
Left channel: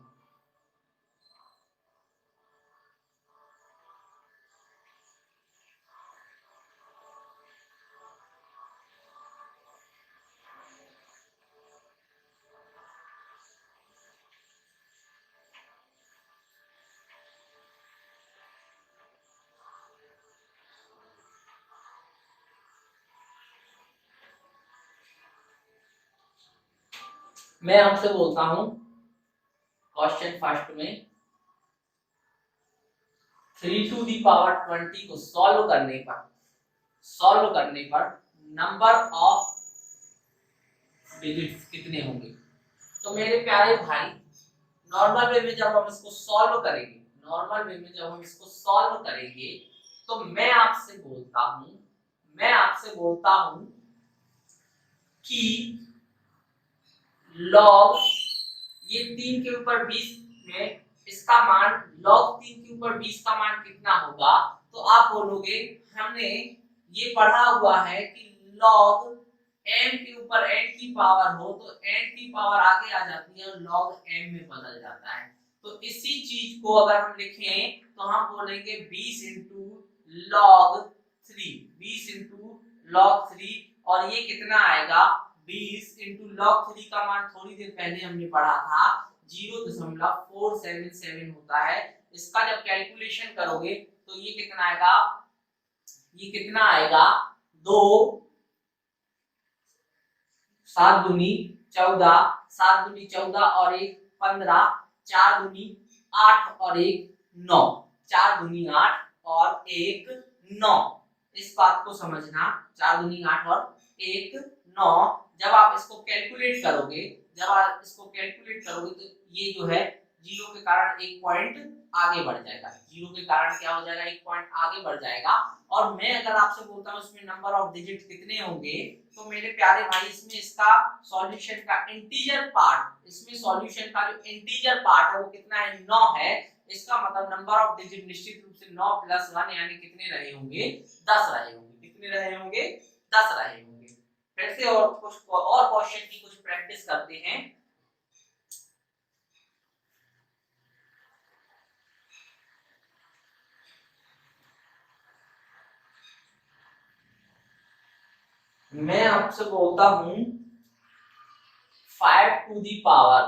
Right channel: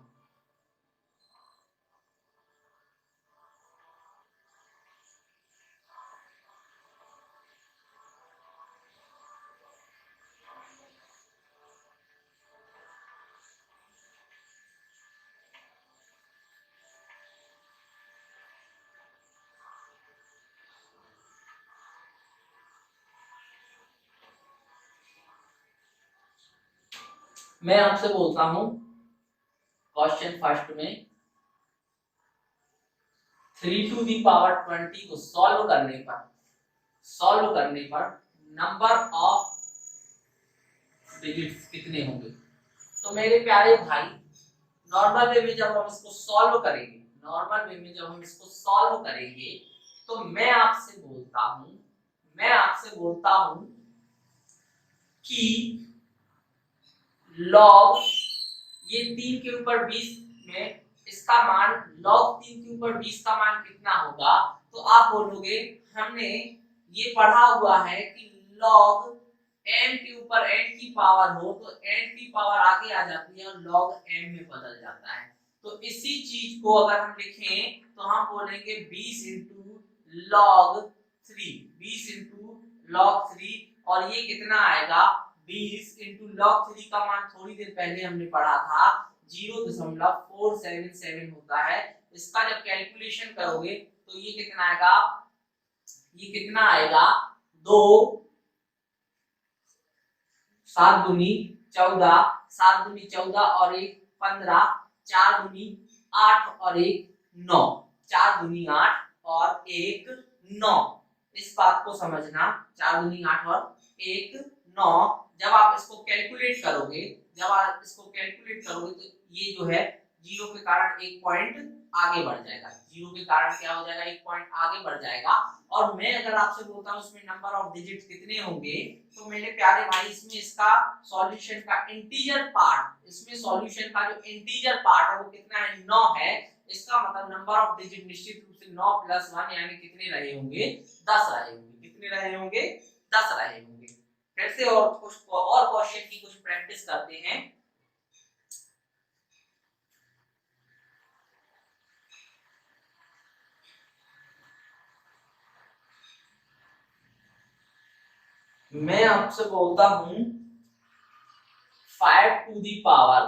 मैं आपसे बोलता हूं क्वेश्चन फर्स्ट में 3⁻20 को सॉल्व करने पर नंबर ऑफ डिजिट्स कितने होंगे। तो मेरे प्यारे भाई नॉर्मल वे में जब हम इसको सॉल्व करेंगे, नॉर्मल वे में जब हम इसको सॉल्व करेंगे तो मैं आपसे बोलता हूं कि लॉग ये 3 के ऊपर 20 में इसका मान, log 3 के ऊपर 20 का मान कितना होगा। तो आप बोलोगे हमने ये पढ़ा हुआ है कि log m के ऊपर n की पावर हो तो n की पावर आगे आ जाती है और log m में बदल जाता है। तो इसी चीज को अगर हम लिखें तो हम बोलेंगे 20 × log 3, 20 × log 3, और ये कितना आएगा 20 × log 3 का मान थोड़ी देर पहले हमने पढ़ा था 0.477 होता है। इसका जब कैलकुलेशन करोगे तो ये कितना आएगा 2 7 दूनी 14, 7 दूनी 14 और 1 15, 4 दूनी 8 और 1 9, 4 दूनी 8 और 1 9। इस बात को समझना, 4 दूनी 8 और 1 9। जब आप इसको कैलकुलेट करोगे तो ये जो है जीरो के कारण एक पॉइंट आगे बढ़ जाएगा, जीरो के कारण क्या हो जाएगा, एक पॉइंट आगे बढ़ जाएगा। और मैं अगर आपसे बोलता हूँ इसमें नंबर ऑफ डिजिट कितने होंगे, तो मेरे प्यारे भाई इसमें इसका सॉल्यूशन का इंटीजर पार्ट, इसमें सॉल्यूशन का जो इंटीजर पार्ट है वो कितना है, 9 है। इसका मतलब नंबर ऑफ डिजिट निश्चित रूप से 9 + 1 यानी कितने रहे होंगे, 10 रहे होंगे। कितने रहे होंगे, 10 रहे होंगे। फिर से और कुछ और क्वेश्चन की कुछ प्रैक्टिस करते हैं। मैं आपसे बोलता हूं 5 टू दी पावर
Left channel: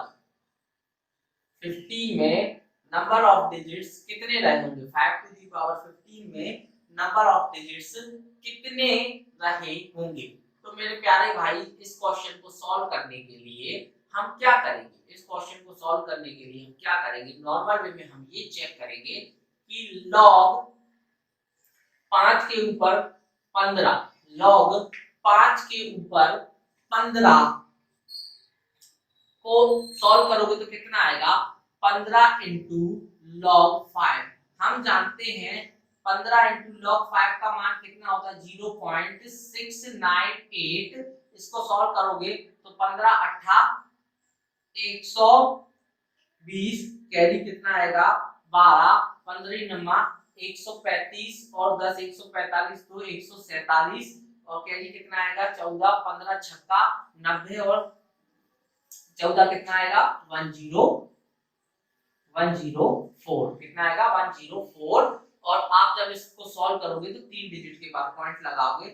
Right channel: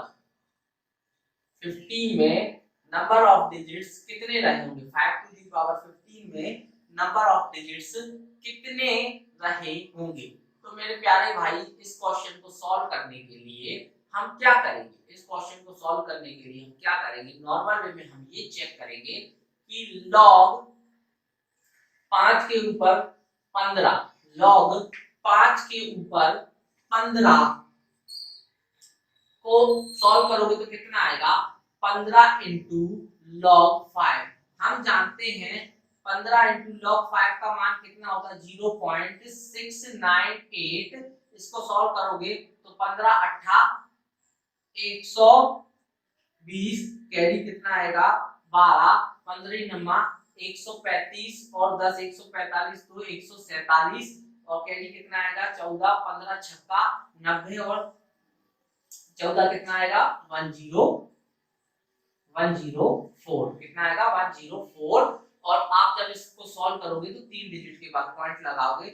15 में नंबर ऑफ डिजिट्स कितने रहे होंगे, 5 टू दी पावर 15 में नंबर ऑफ डिजिट्स कितने रहे होंगे। तो मेरे प्यारे भाई इस क्वेश्चन को सॉल्व करने के लिए हम क्या करेंगे, इस क्वेश्चन को सॉल्व करने के लिए हम क्या करेंगे, नॉर्मल वे में हम ये चेक करेंगे कि log 5 के ऊपर 15, log 5 के ऊपर 15 को सॉल्व करोगे तो कितना आएगा, 15 इंटू log 5। हम जानते हैं 15 इंटू log 5 का मान कितना होता है, 0.698। इसको सॉल्व करोगे तो 15 8 120, कैरी कितना आएगा 12, 15 9 135 और 10 145 तो 147 और कैरी कितना आएगा 14, 15 छक्का 90 और 14 कितना आएगा 104, कितना आएगा 104। और आप जब इसको सॉल्व करोगे तो 3 डिजिट के बाद पॉइंट लगाओगे।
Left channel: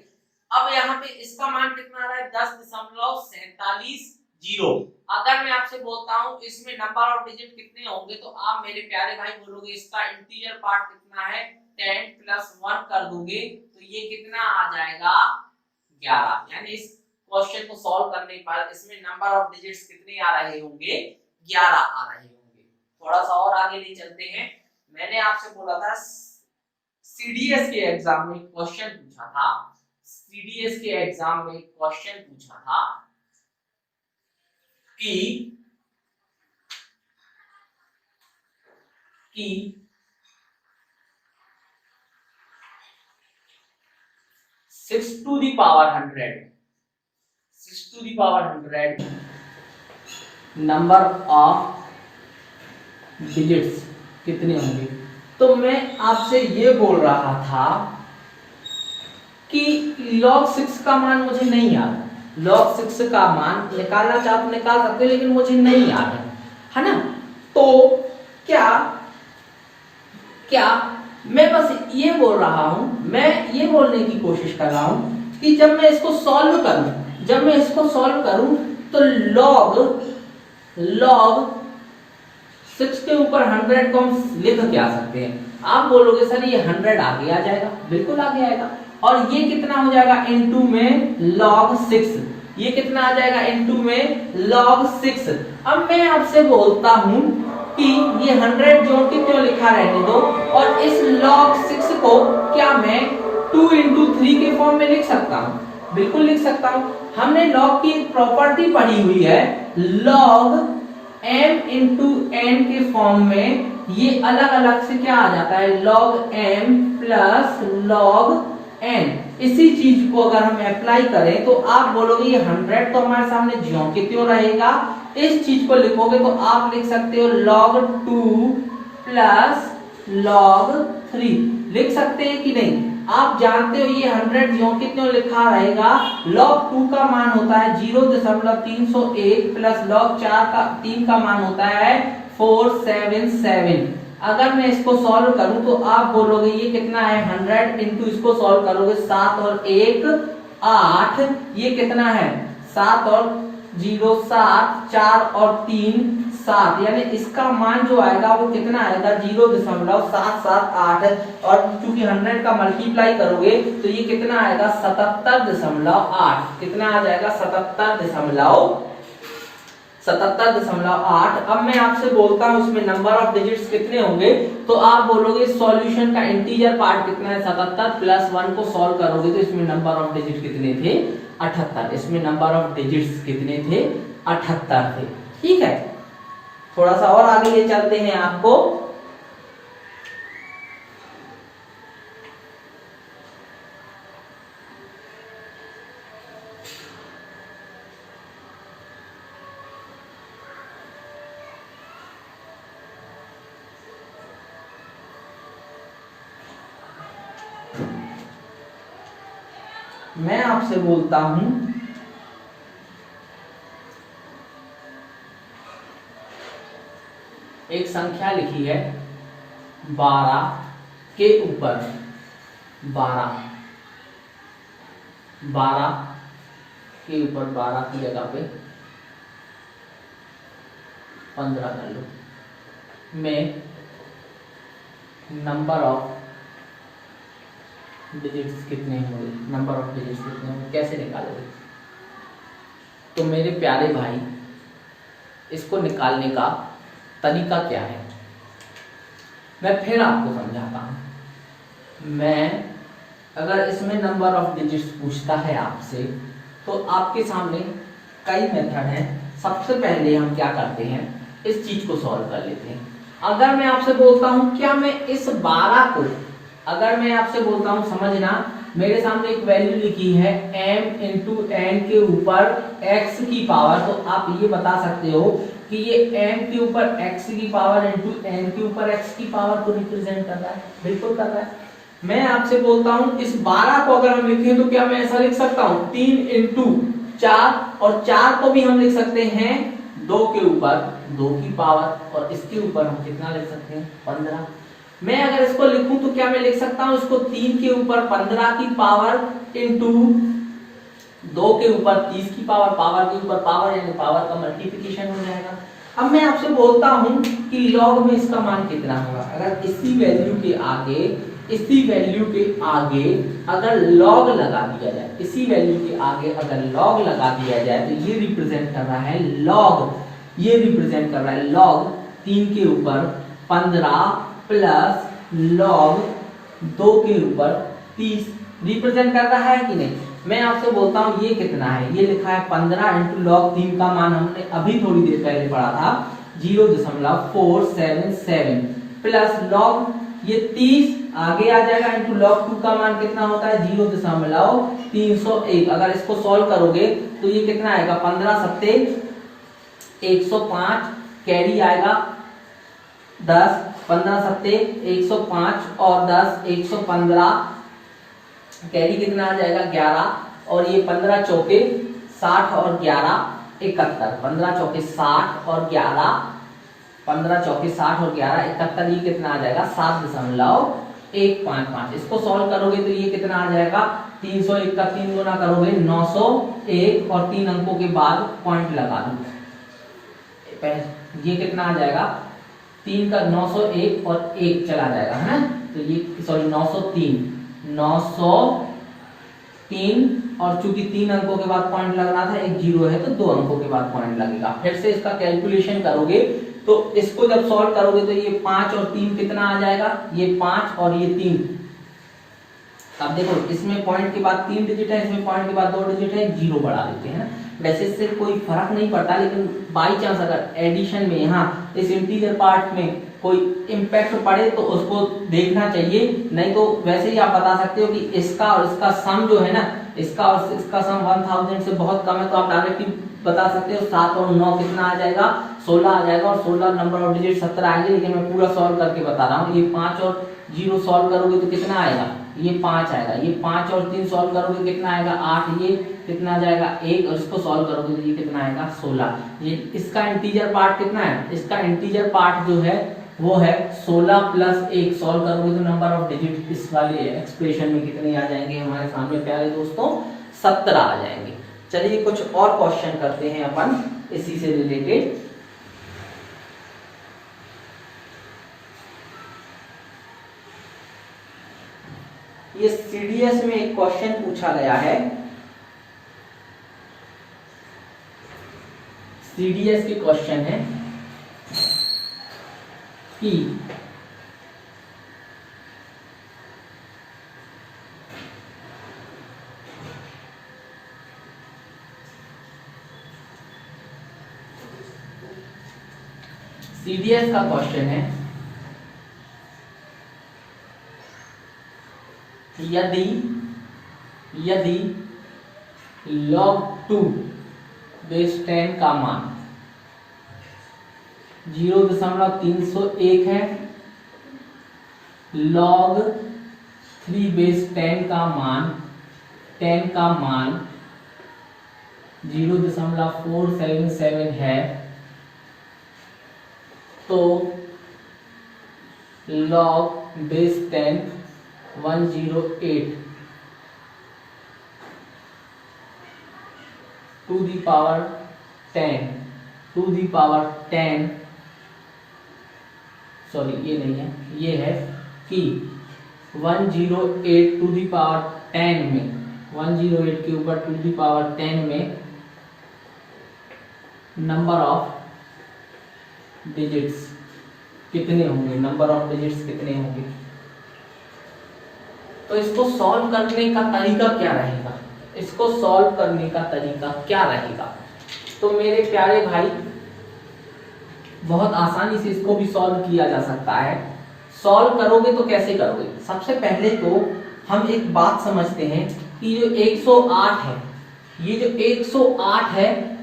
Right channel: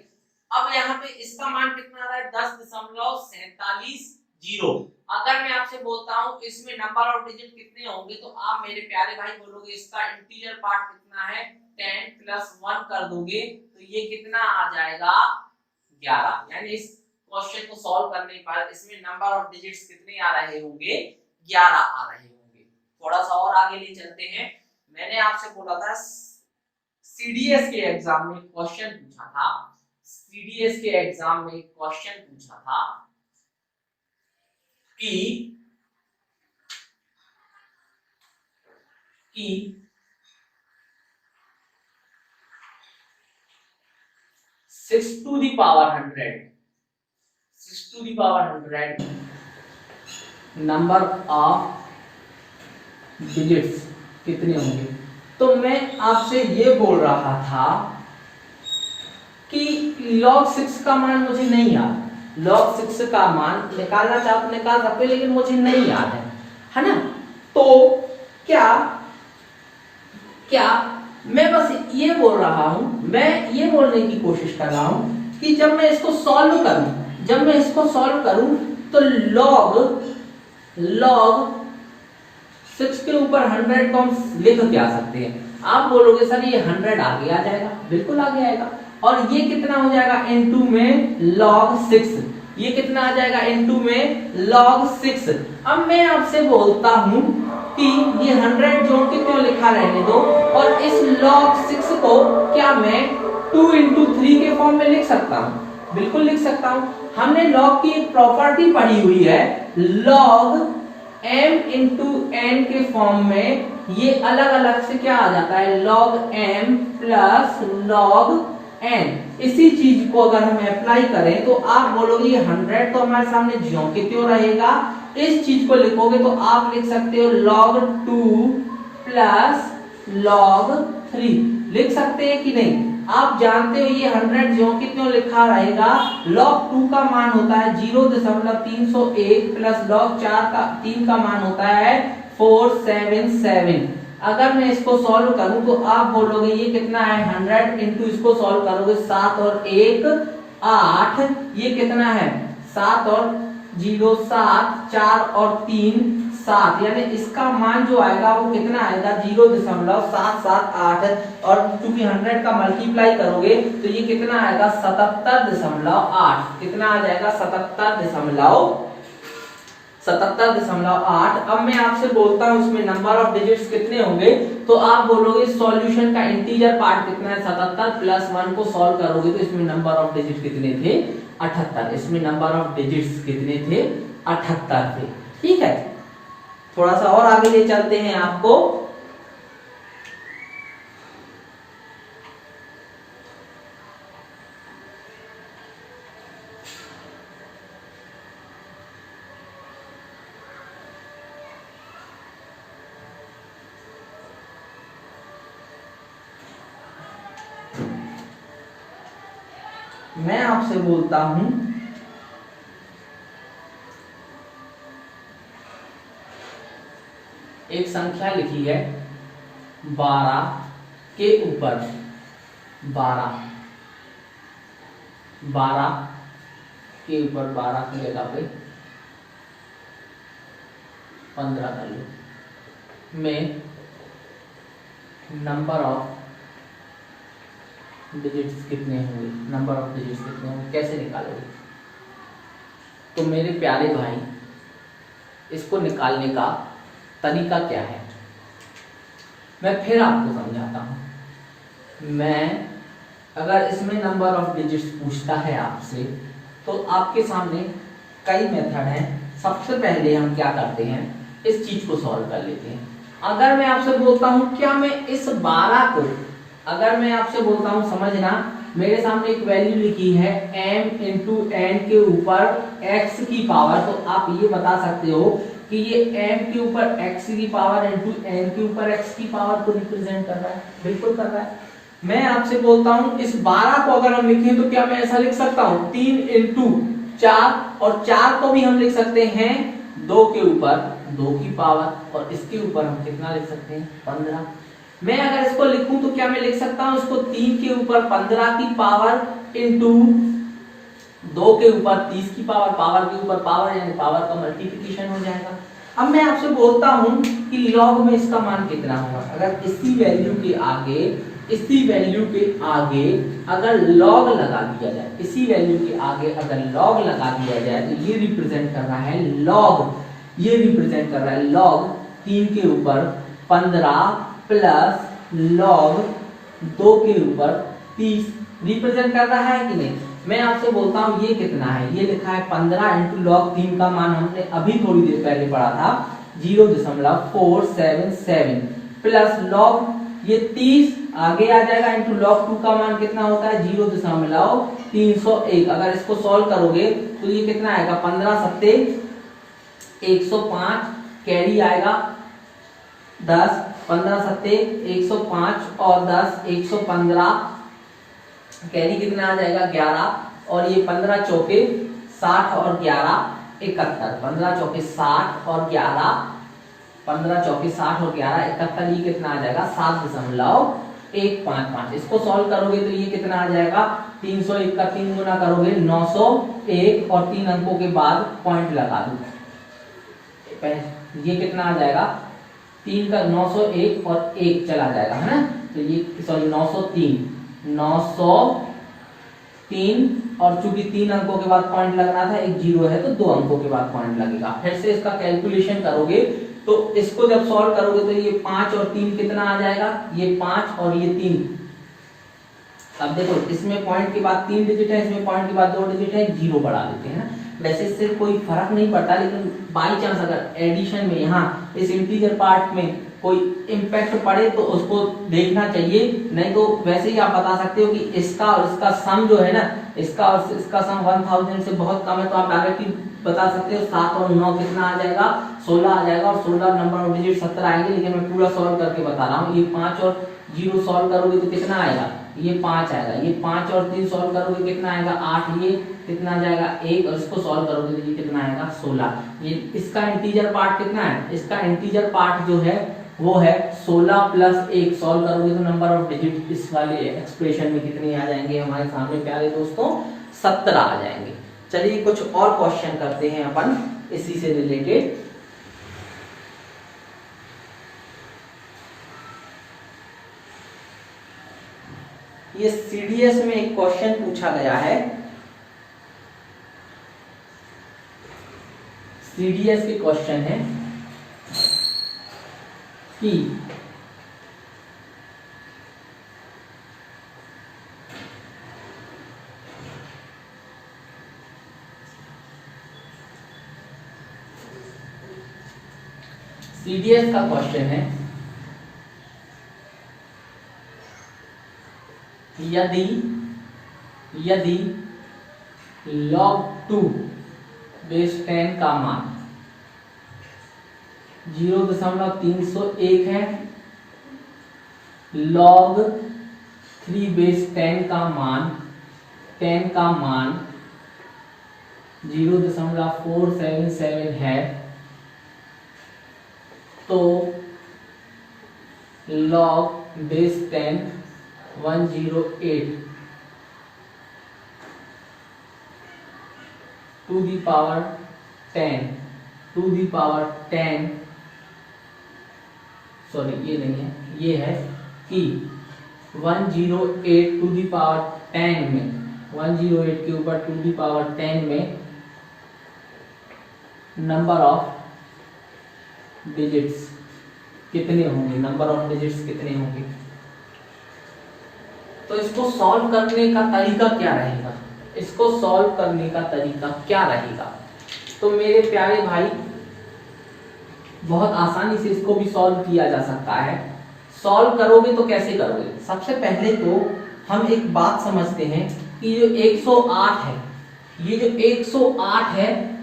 अब यहाँ पे इसका मान कितना आ रहा है 10.47 अगर मैं आपसे बोलता हूँ इसमें नंबर ऑफ डिजिट कितने होंगे तो आप मेरे प्यारे भाई बोलोगे इसका इंटीजर पार्ट कितना है, 10 + 1 कर दोगे तो ये कितना आ जाएगा 11। यानी इस क्वेश्चन को सॉल्व करने पर इसमें नंबर ऑफ डिजिट्स कितने आ रहे होंगे, 11 आ रहे होंगे। थोड़ा सा और आगे ले चलते हैं। मैंने आपसे बोला था सीडीएस के एग्जाम में क्वेश्चन पूछा था, सीडीएस के एग्जाम में क्वेश्चन पूछा था कि 6 to the power 100 number of digits कितने होंगे। तो मैं आपसे ये बोल रहा था कि log 6 का मान मुझे नहीं याद है, log 6 का मान निकालना चाहो तो निकाल सकते हो लेकिन मुझे नहीं याद है ना। तो क्या मैं बस ये बोल रहा हूं, मैं ये बोलने की कोशिश कर रहा हूं कि जब मैं इसको सॉल्व करूं तो log 6 के ऊपर 100 को हम लिख क्या सकते हैं। आप बोलोगे सर ये 100 आगे आ जाएगा, बिल्कुल आगे आएगा। और ये कितना हो जाएगा इनटू में log 6, ये कितना आ जाएगा इनटू में log 6। अब मैं आपसे बोलता हूं कि ये 100 जोड़ के क्यों लिखा रहने दो और इस log 6 को क्या मैं 2 × 3 के फॉर्म में लिख सकता हूं, बिल्कुल लिख सकता हूं। हमने log की एक प्रॉपर्टी पढ़ी हुई है, log m × n के फॉर्म में ये अलग अलग से क्या आ जाता है log m + log n। इसी चीज को अगर हम अप्लाई करें तो आप बोलोगे ये 100 तो हमारे सामने ज्यों के त्यों रहेगा। इस चीज को लिखोगे तो आप लिख सकते हो log 2 + log 3, लिख सकते हैं कि नहीं। आप जानते हो ये 100 ज्यों के त्यों लिखा रहेगा। log 2 का मान होता है 0.301 + log 3 का मान होता है 477। अगर मैं इसको सॉल्व करूं तो आप बोलोगे ये कितना है 100 इंटू इसको सॉल्व करोगे 7 और 1 8, ये कितना है 7 और 0 7, 4 और 3 7, यानी इसका मान जो आएगा वो कितना आएगा 0.778। और चूंकि 100 का मल्टीप्लाई करोगे तो ये कितना आएगा 77.8, कितना आ जाएगा 77.8। अब मैं आपसे बोलता हूं इसमें नंबर ऑफ डिजिट्स कितने होंगे तो आप बोलोगे सॉल्यूशन का इंटीजर पार्ट कितना है 77 + 1 को सॉल्व करोगे तो इसमें नंबर ऑफ डिजिट कितने थे 78, इसमें नंबर ऑफ डिजिट्स कितने थे 78 थे। ठीक है, थोड़ा सा और आगे ले चलते हैं आपको। मैं आपसे बोलता हूं एक संख्या लिखी है 12 के ऊपर 12 के ऊपर 12 की जगह पे 15 कर लो में नंबर ऑफ डिजिट्स कितने होंगे, नंबर ऑफ डिजिट्स कितने होंगे, कैसे निकालोगे? तो मेरे प्यारे भाई, इसको निकालने का तरीका क्या है मैं फिर आपको समझाता हूं। मैं अगर इसमें नंबर ऑफ डिजिट्स पूछता है आपसे तो आपके सामने कई मेथड हैं। सबसे पहले हम क्या करते हैं, इस चीज को सॉल्व कर लेते हैं। अगर मैं आपसे बोलता हूं क्या मैं इस 12 को, अगर मैं आपसे बोलता हूं समझना, मेरे सामने एक वैल्यू लिखी है m इंटू एन के ऊपर x की पावर, तो आप ये बता सकते हो कि ये m के ऊपर x की पावर इंटू n के ऊपर x की पावर को रिप्रेजेंट कर रहा है। बिल्कुल कर रहा है। मैं आपसे बोलता हूं इस 12 को अगर हम लिखें तो क्या मैं ऐसा लिख सकता हूं 3 इंटू 4, और 4 को भी हम लिख सकते हैं 2 के ऊपर 2 की पावर, और इसके ऊपर हम कितना लिख सकते हैं 15। मैं अगर इसको लिखूं तो क्या मैं लिख सकता हूं इसको 3 के ऊपर 15 की पावर इंटू 2 के ऊपर 30 की पावर, पावर के ऊपर पावर, यानी पावर का मल्टीप्लिकेशन हो जाएगा। अब मैं आपसे बोलता हूं कि लॉग में इसका मान कितना होगा। अगर इसी वैल्यू के आगे, इसी वैल्यू के आगे अगर लॉग लगा दिया जाए, इसी वैल्यू के आगे अगर लॉग लगा दिया जाए तो ये रिप्रेजेंट कर रहा है लॉग, ये रिप्रेजेंट कर रहा है लॉग 3 के ऊपर 15 प्लस लॉग 2 के ऊपर 30 रिप्रेजेंट कर रहा है कि नहीं। मैं आपसे बोलता हूं ये कितना है, ये लिखा है 15 इंटू लॉग 3 का मान हमने अभी थोड़ी देर पहले पढ़ा था 0.477 प्लस लॉग ये 30 आगे आ जाएगा इंटू लॉग 2 का मान कितना होता है 0.301। अगर इसको सॉल्व करोगे तो ये कितना आएगा 15 सत्ते 105, कैरी आएगा 10, 15 सत्ते 105 और 10 115, कैरी कितना आ जाएगा 11, और ये 15 चौके 60 और 11 71, 15 चौके 60 और 11, 15 चौके 60 और 11 71, ये कितना आ जाएगा 7.155। इसको सॉल्व करोगे तो ये कितना आ जाएगा 301 का 3 गुना करोगे 901, और 3 अंकों के बाद पॉइंट लगा दो, ये कितना आ जाएगा 3 का 901 और 1 चला जाएगा, है ना। तो ये सॉरी 903 और चूंकि 3 अंकों के बाद पॉइंट लगना था, एक जीरो है तो 2 अंकों के बाद पॉइंट लगेगा। फिर से इसका कैलकुलेशन करोगे तो इसको जब सॉल्व करोगे तो ये 5 और 3 कितना आ जाएगा, ये 5 और ये 3। अब देखो इसमें पॉइंट के बाद 3 डिजिट है, इसमें पॉइंट के बाद 2 डिजिट है, जीरो बढ़ा देते हैं ना। वैसे इससे कोई फर्क नहीं पड़ता, लेकिन बाई चांस अगर एडिशन में यहाँ इस इंटीजर पार्ट में कोई इम्पैक्ट पड़े तो उसको देखना चाहिए, नहीं तो वैसे ही आप बता सकते हो कि इसका और इसका सम जो है ना, इसका और इसका सम 1000 से बहुत कम है, तो आप डायरेक्टली बता सकते हो 7 और 9 कितना आ जाएगा 16 आ जाएगा, और 16 नंबर ऑफ डिजिट 17 आएंगे। लेकिन मैं पूरा सॉल्व करके बता रहा हूँ, ये 5 और 0 सॉल्व करोगे तो कितना आएगा, ये 5 आएगा, ये 5 और 3 सॉल्व करोगे कितना आएगा 8, ये कितना आ जाएगा 1, और इसको सॉल्व करोगे तो ये कितना आएगा 16। ये इसका इंटीजर पार्ट कितना है, इसका इंटीजर पार्ट जो है वो है 16 प्लस 1, सॉल्व करोगे तो नंबर ऑफ डिजिट इस वाले एक्सप्रेशन में कितने आ जाएंगे हमारे सामने प्यारे दोस्तों 17 आ जाएंगे। चलिए कुछ और क्वेश्चन करते हैं अपन इसी से रिलेटेड। ये सीडीएस में एक क्वेश्चन पूछा गया है, सीडीएस के क्वेश्चन है कि CDS का क्वेश्चन है, यदि log 2 बेस 10 का मान 0.301 है, log 3 बेस 10 का मान 0.477 है, तो log base 10 108 to the power 10 sorry ये नहीं है, ये है कि 108 टू दी पावर 10 में 108 के ऊपर टू दी पावर 10 में नंबर ऑफ डिजिट्स कितने होंगे, तो इसको सॉल्व करने का तरीका क्या रहेगा, तो मेरे प्यारे भाई बहुत आसानी से इसको भी सॉल्व किया जा सकता है। सॉल्व करोगे तो कैसे करोगे, सबसे पहले तो हम एक बात समझते हैं कि जो 108 है, ये जो 108 है,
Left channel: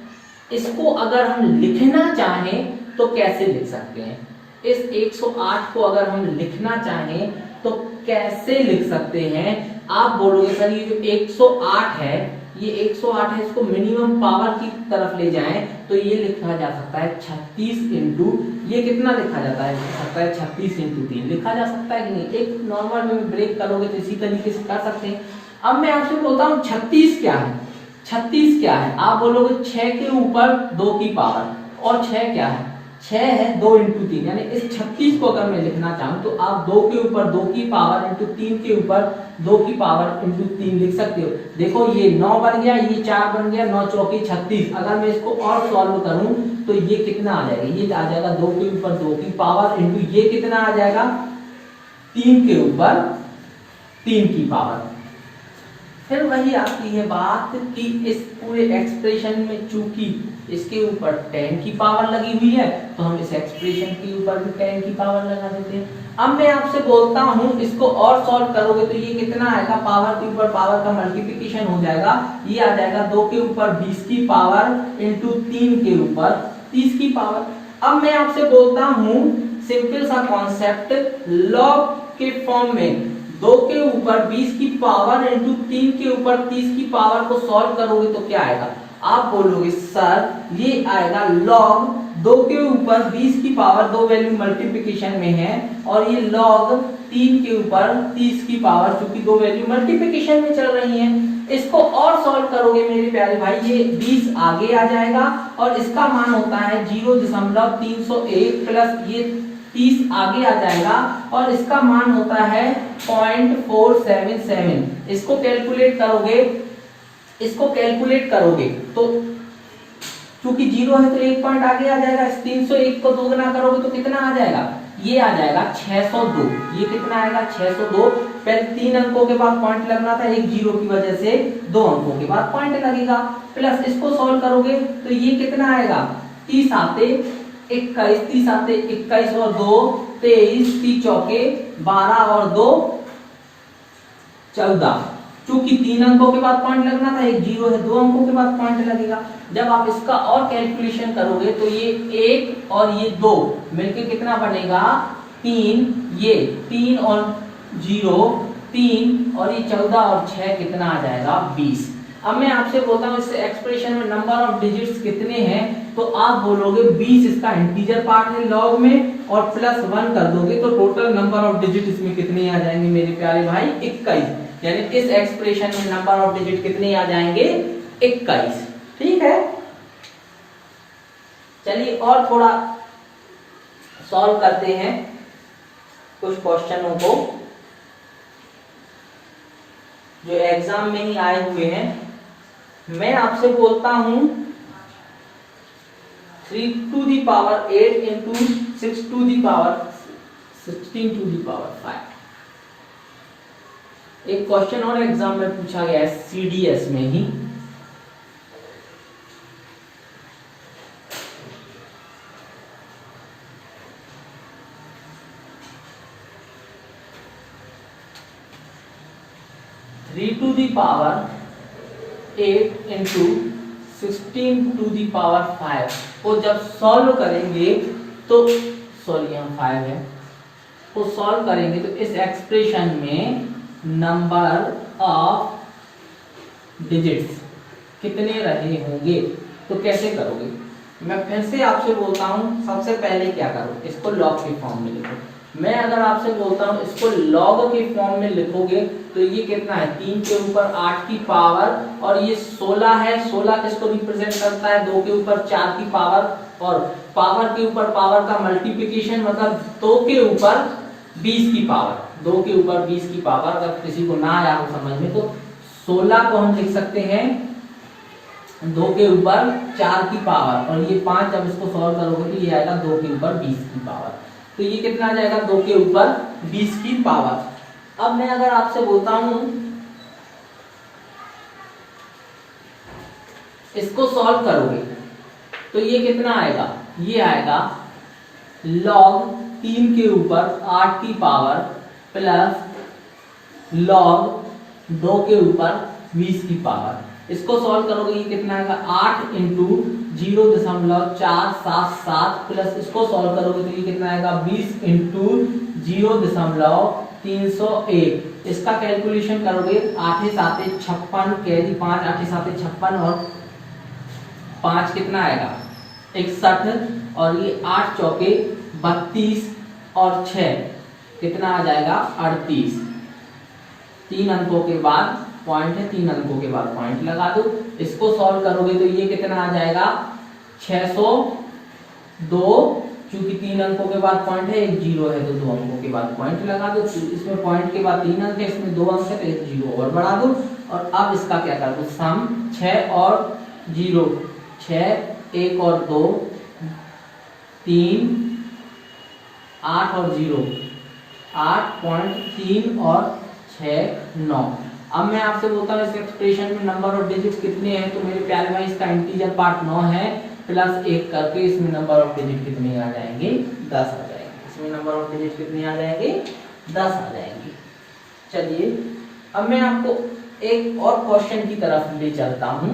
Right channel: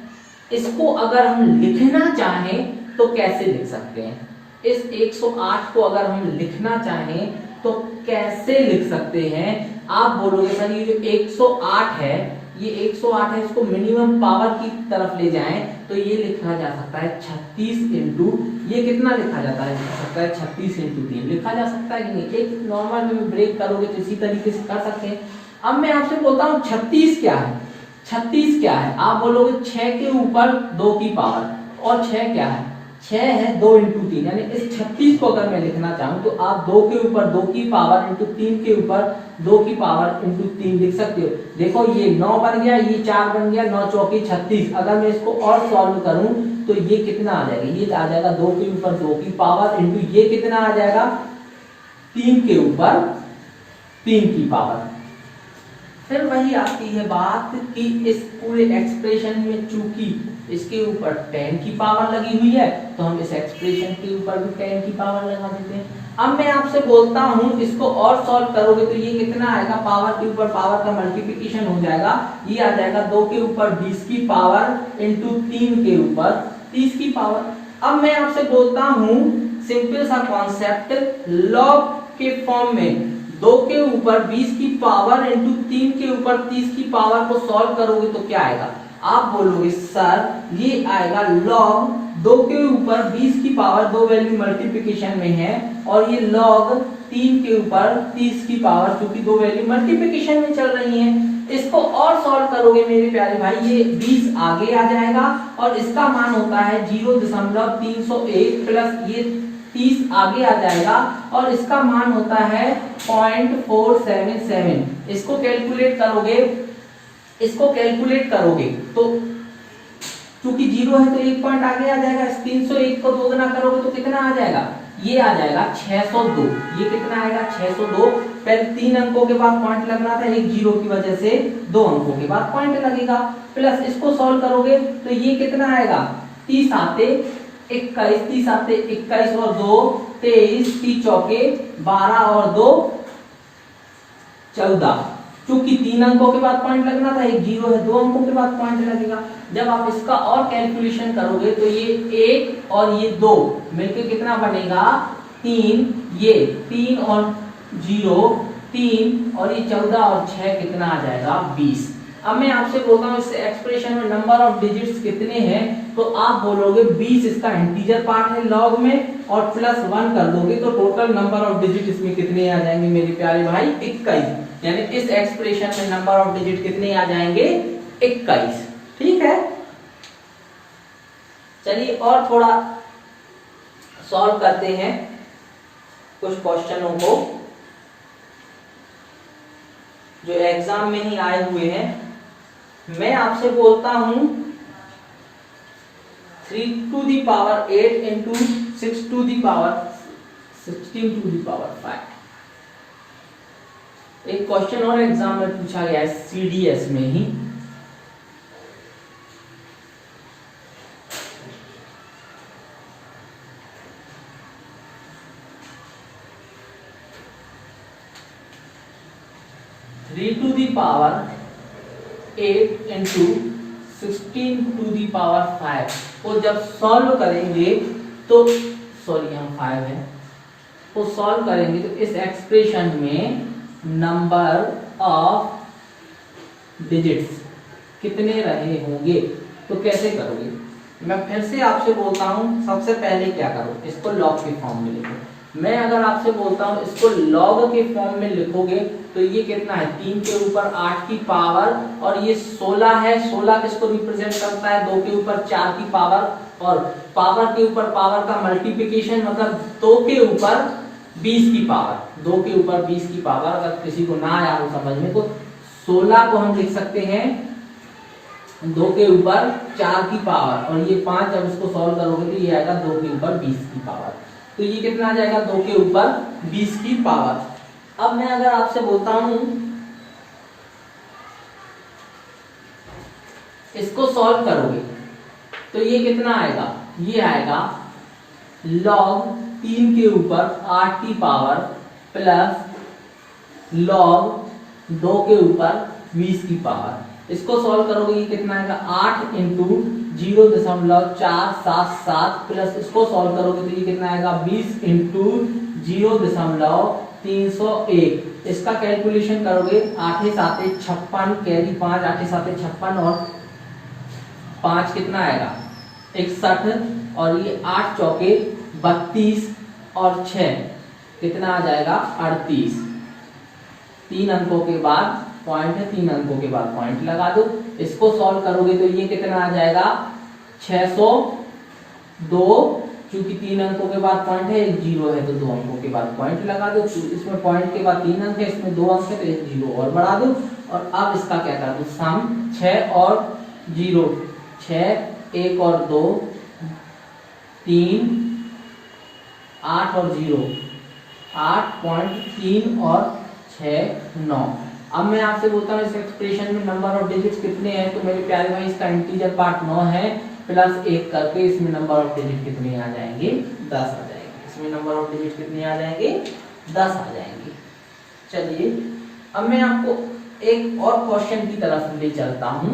इसको अगर हम लिखना चाहें तो कैसे लिख सकते हैं, इस 108 को अगर हम लिखना चाहें तो कैसे लिख सकते हैं। आप बोलोगे सर ये जो 108 है, ये 108 है, इसको मिनिमम पावर की तरफ ले जाएं तो ये लिखा जा सकता है 36 इंटू, ये कितना लिखा जाता है, लिख सकता है 36 इंटू 3 लिखा जा सकता है कि नहीं। एक नॉर्मल में ब्रेक करोगे तो इसी तरीके से कर सकते हैं। अब मैं आपसे बोलता हूँ 36 क्या है, आप बोलोगे 6 के ऊपर 2 की पावर, और 6 क्या है, 6 है 2 इंटू 3, यानी इस 36 को अगर मैं लिखना चाहूँ तो आप 2 के ऊपर 2 की पावर इंटू 3 के ऊपर 2 की पावर इंटू 3 लिख सकते हो। देखो ये 9 बन गया, ये 4 बन गया, 9 चौकी 36। अगर मैं इसको और सॉल्व करूं तो ये कितना आ जाएगा, ये आ जाएगा 2 के ऊपर 2 की पावर इंटू ये कितना आ जाएगा 3 के ऊपर 3 की पावर। फिर वही आती है बात कि इस पूरे एक्सप्रेशन में चूंकि इसके ऊपर 10 की पावर लगी हुई है तो हम इस एक्सप्रेशन के ऊपर भी 10 की पावर लगा देते हैं। अब मैं आपसे बोलता हूं इसको और सॉल्व करोगे तो ये कितना आएगा, पावर के ऊपर पावर का मल्टीप्लिकेशन हो जाएगा, ये आ जाएगा 2 के ऊपर 20 की पावर इंटू 3 के ऊपर 30 की पावर। अब मैं आपसे बोलता हूं सिंपल सा कॉन्सेप्ट, लॉग के फॉर्म में 2 के ऊपर 20 की पावर इंटू 3 के ऊपर 30 की पावर को सॉल्व करोगे तो क्या आएगा। आप बोलोगे सर ये आएगा लॉग 2 के ऊपर 20 की पावर, 2 वैल्यू मल्टीप्लिकेशन में है, और ये लॉग 3 के ऊपर 30 की पावर, क्योंकि 2 वैल्यू मल्टीप्लिकेशन में चल रही हैं। इसको और सॉल्व करोगे मेरे प्यारे भाई, ये 20 आगे आ जाएगा और इसका मान होता है 0.301 प्लस ये 30 आगे आ जाएगा और इसका मान होता है 0.477। इसको कैलकुलेट करोगे तो क्योंकि 0 है तो 1 पॉइंट आगे आ जाएगा, इस 301 को दोगुना करोगे तो कितना आ जाएगा, ये आ जाएगा 602। ये कितना आएगा 602। पहले 3 अंकों के बाद पॉइंट लगना था, एक 0 की वजह से 2 अंकों के बाद पॉइंट लगेगा। प्लस इसको सॉल्व करोगे तो ये कितना आएगा 30 आते 21, 30 आते 21 और 2 23, 30 चौके 12 और 2 14। क्योंकि 3 अंकों के बाद पॉइंट लगना था, एक 0 है, 2 अंकों के बाद पॉइंट लगेगा। जब आप इसका और कैलकुलेशन करोगे तो ये 1 और ये 2 मिलके कितना बनेगा 3, ये 3 और 0 3 और ये 14 और 6 कितना आ जाएगा 20। अब मैं आपसे बोलता हूँ इस एक्सप्रेशन में नंबर ऑफ डिजिट्स कितने हैं, तो आप बोलोगे 20 इसका इंटीजर पार्ट है लॉग में, और प्लस 1 कर दोगे तो टोटल नंबर ऑफ डिजिट इसमें कितने आ जाएंगे मेरे प्यारे भाई 21। यानी इस एक्सप्रेशन में नंबर ऑफ डिजिट कितने आ जाएंगे 21। ठीक है, चलिए और थोड़ा सॉल्व करते हैं कुछ क्वेश्चनों को जो एग्जाम में ही आए हुए हैं। मैं आपसे बोलता हूं 3 to the power 8 into 6 to the power 16 to the power 5। एक क्वेश्चन और एग्जाम में पूछा गया है सीडीएस में ही। 3 to the power 8 into 16 to the power 5 को जब सॉल्व करेंगे तो सॉरी यहाँ 5 है, को सॉल्व करेंगे तो इस एक्सप्रेशन में नंबर ऑफ डिजिट्स कितने रहे होंगे। तो कैसे करोगे, मैं फिर से आपसे बोलता हूं, सबसे पहले क्या करो, इसको लॉग के फॉर्म में लिखो। मैं अगर आपसे बोलता हूं इसको लॉग के फॉर्म में लिखोगे तो ये कितना है, 3 के ऊपर 8 की पावर, और ये 16 है। 16 किसको रिप्रेजेंट करता है, 2 के ऊपर 4 की पावर, और पावर के ऊपर पावर का मल्टीप्लिकेशन, मतलब 2 के ऊपर 20 की पावर, 2 के ऊपर 20 की पावर। अगर किसी को ना आया हो समझ में तो 16 को हम लिख सकते हैं 2 के ऊपर 4 की पावर, और ये 5 जब इसको सॉल्व करोगे तो ये आएगा 2 के ऊपर 20 की पावर। तो ये कितना आ जाएगा, 2 के ऊपर 20 की पावर। अब मैं अगर आपसे बोलता हूं इसको सॉल्व करोगे तो ये कितना आएगा, ये आएगा log 3 के ऊपर 8 की पावर प्लस log 2 के ऊपर 20 की पावर। इसको सॉल्व करोगे ये कितना आएगा, 8 इंटू 0.477 प्लस इसको सॉल्व करोगे तो ये कितना आएगा, 20 इंटू 0.301। इसका कैलकुलेशन करोगे 8 7 56 कैरी 5 8 7 56 और 5 कितना आएगा 61, और ये 8 चौके 32 और 6 कितना आ जाएगा 38। 3 अंकों के बाद पॉइंट है, 3 अंकों के बाद पॉइंट लगा दो। इसको सॉल्व करोगे तो ये कितना आ जाएगा 602, क्योंकि 3 अंकों के बाद पॉइंट है, एक 0 है तो 2 अंकों के बाद पॉइंट लगा दो। इसमें पॉइंट के बाद 3 अंक है, इसमें 2 अंक है तो एक 0 और बढ़ा दो। और अब इसका क्या कर दो, सम 6 और 0, 6 1 और 2 3 8 और 0 8.3 और 6 9। अब मैं आपसे बोलता हूँ इस एक्सप्रेशन में नंबर ऑफ डिजिट्स कितने हैं, तो मेरे प्यारे भाई इसका इंटीजर पार्ट 9 है, प्लस 1 करके इसमें नंबर ऑफ डिजिट कितने आ जाएंगे, 10 आ जाएंगे। इसमें नंबर ऑफ डिजिट कितने आ जाएंगे, 10 आ जाएंगे। चलिए अब मैं आपको एक और क्वेश्चन की तरफ ले चलता हूँ।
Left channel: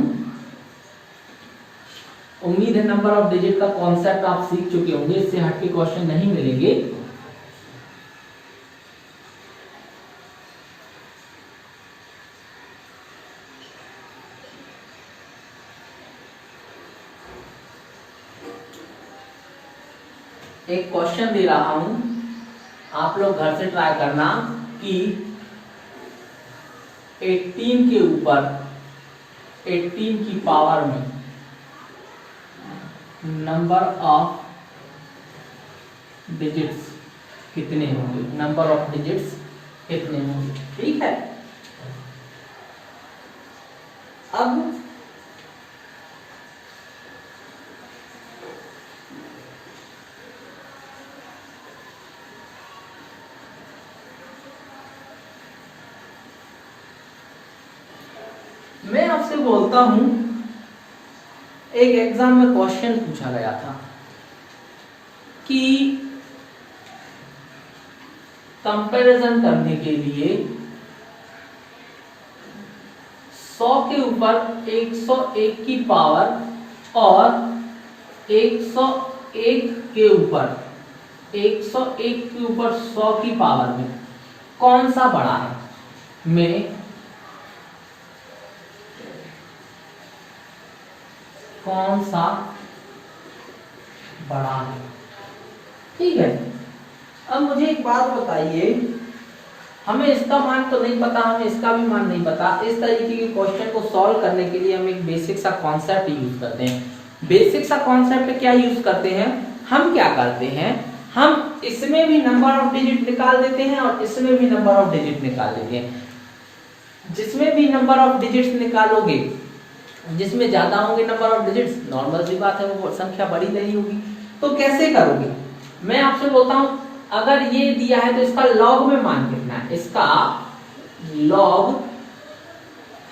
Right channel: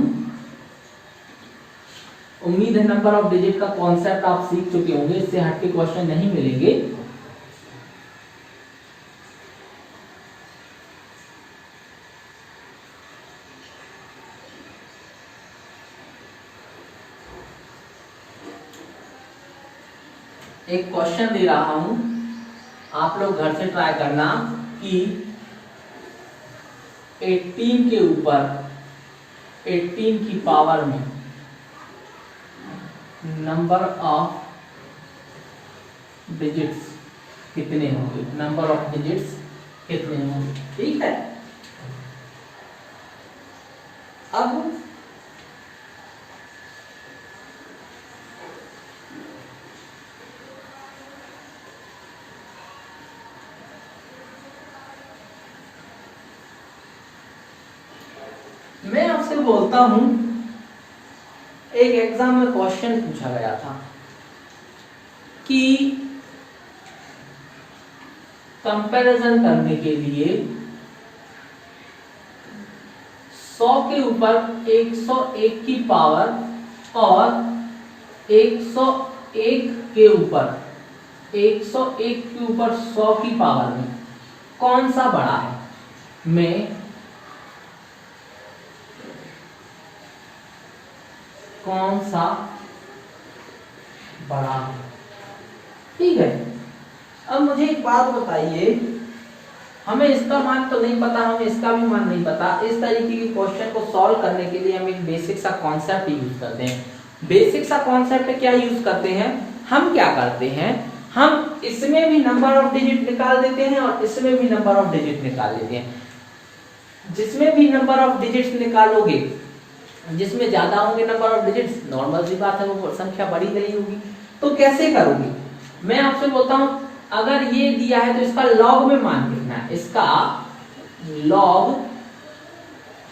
उम्मीद है नंबर ऑफ डिजिट का कॉन्सेप्ट आप सीख चुके होंगे, इससे हटके क्वेश्चन नहीं मिलेंगे। एक क्वेश्चन दे रहा हूं, आप लोग घर से ट्राई करना कि 18 के ऊपर 18 की पावर में नंबर ऑफ डिजिट्स कितने होंगे, नंबर ऑफ डिजिट्स कितने होंगे। ठीक है, अब मैं आपसे बोलता हूं, एक एग्जाम में क्वेश्चन पूछा गया था कि कंपैरिजन करने के लिए 100 के ऊपर 101 की पावर और 101 के ऊपर 100 की पावर में कौन सा बड़ा है। मैं कौन सा बड़ा है, ठीक है। अब मुझे एक बात बताइए, हमें इसका मान तो नहीं पता, हमें इसका भी मान नहीं पता। इस तरीके के क्वेश्चन को सॉल्व करने के लिए हम एक बेसिक सा कॉन्सेप्ट यूज करते हैं। बेसिक सा कॉन्सेप्ट क्या यूज करते हैं, हम क्या करते हैं, हम इसमें भी नंबर ऑफ डिजिट निकाल देते हैं और इसमें भी नंबर ऑफ डिजिट निकाल देते हैं। जिसमें भी नंबर ऑफ डिजिट्स निकालोगे, जिसमें ज्यादा होंगे नंबर ऑफ डिजिट्स, नॉर्मल सी बात है वो संख्या बड़ी नहीं होगी। तो कैसे करोगे, मैं आपसे बोलता हूं, अगर ये दिया है तो इसका लॉग में मान कितना है, इसका लॉग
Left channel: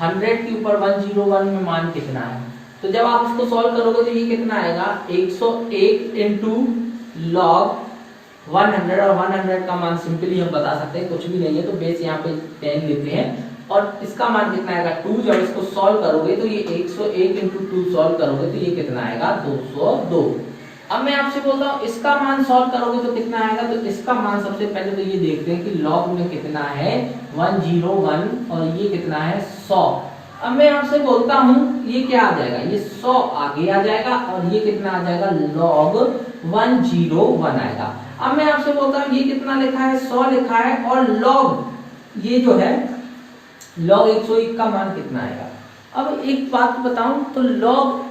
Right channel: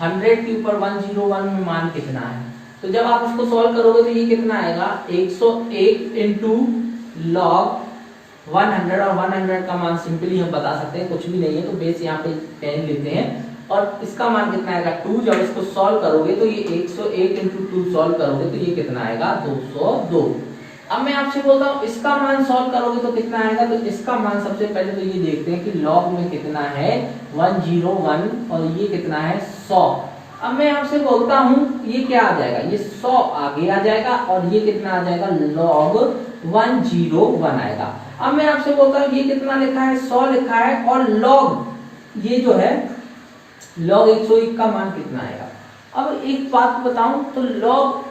100 के ऊपर 101 में मान कितना है। तो जब आप इसको सॉल्व करोगे तो ये कितना आएगा, 101 इंटू लॉग 100, और 100 का मान सिंपली हम बता सकते हैं, कुछ भी नहीं है तो बेस यहाँ पे 10 लेते हैं और इसका मान कितना आएगा 2। जब इसको सॉल्व करोगे तो ये 108 इंटू 2 सॉल्व करोगे तो ये कितना आएगा 202। अब मैं आपसे बोलता हूँ इसका मान सॉल्व करोगे तो कितना आएगा, तो इसका मान सबसे पहले तो ये देखते हैं कि लॉग में कितना है 101 और ये कितना है 100। अब मैं आपसे बोलता हूँ ये क्या आ जाएगा, ये 100 आगे आ जाएगा और ये कितना आ जाएगा लॉग 101 आएगा। अब मैं आपसे बोलता हूँ ये कितना लिखा है 100 लिखा है और लॉग ये जो है लॉग 101 का मान कितना आएगा। अब एक बात बताऊं तो लॉग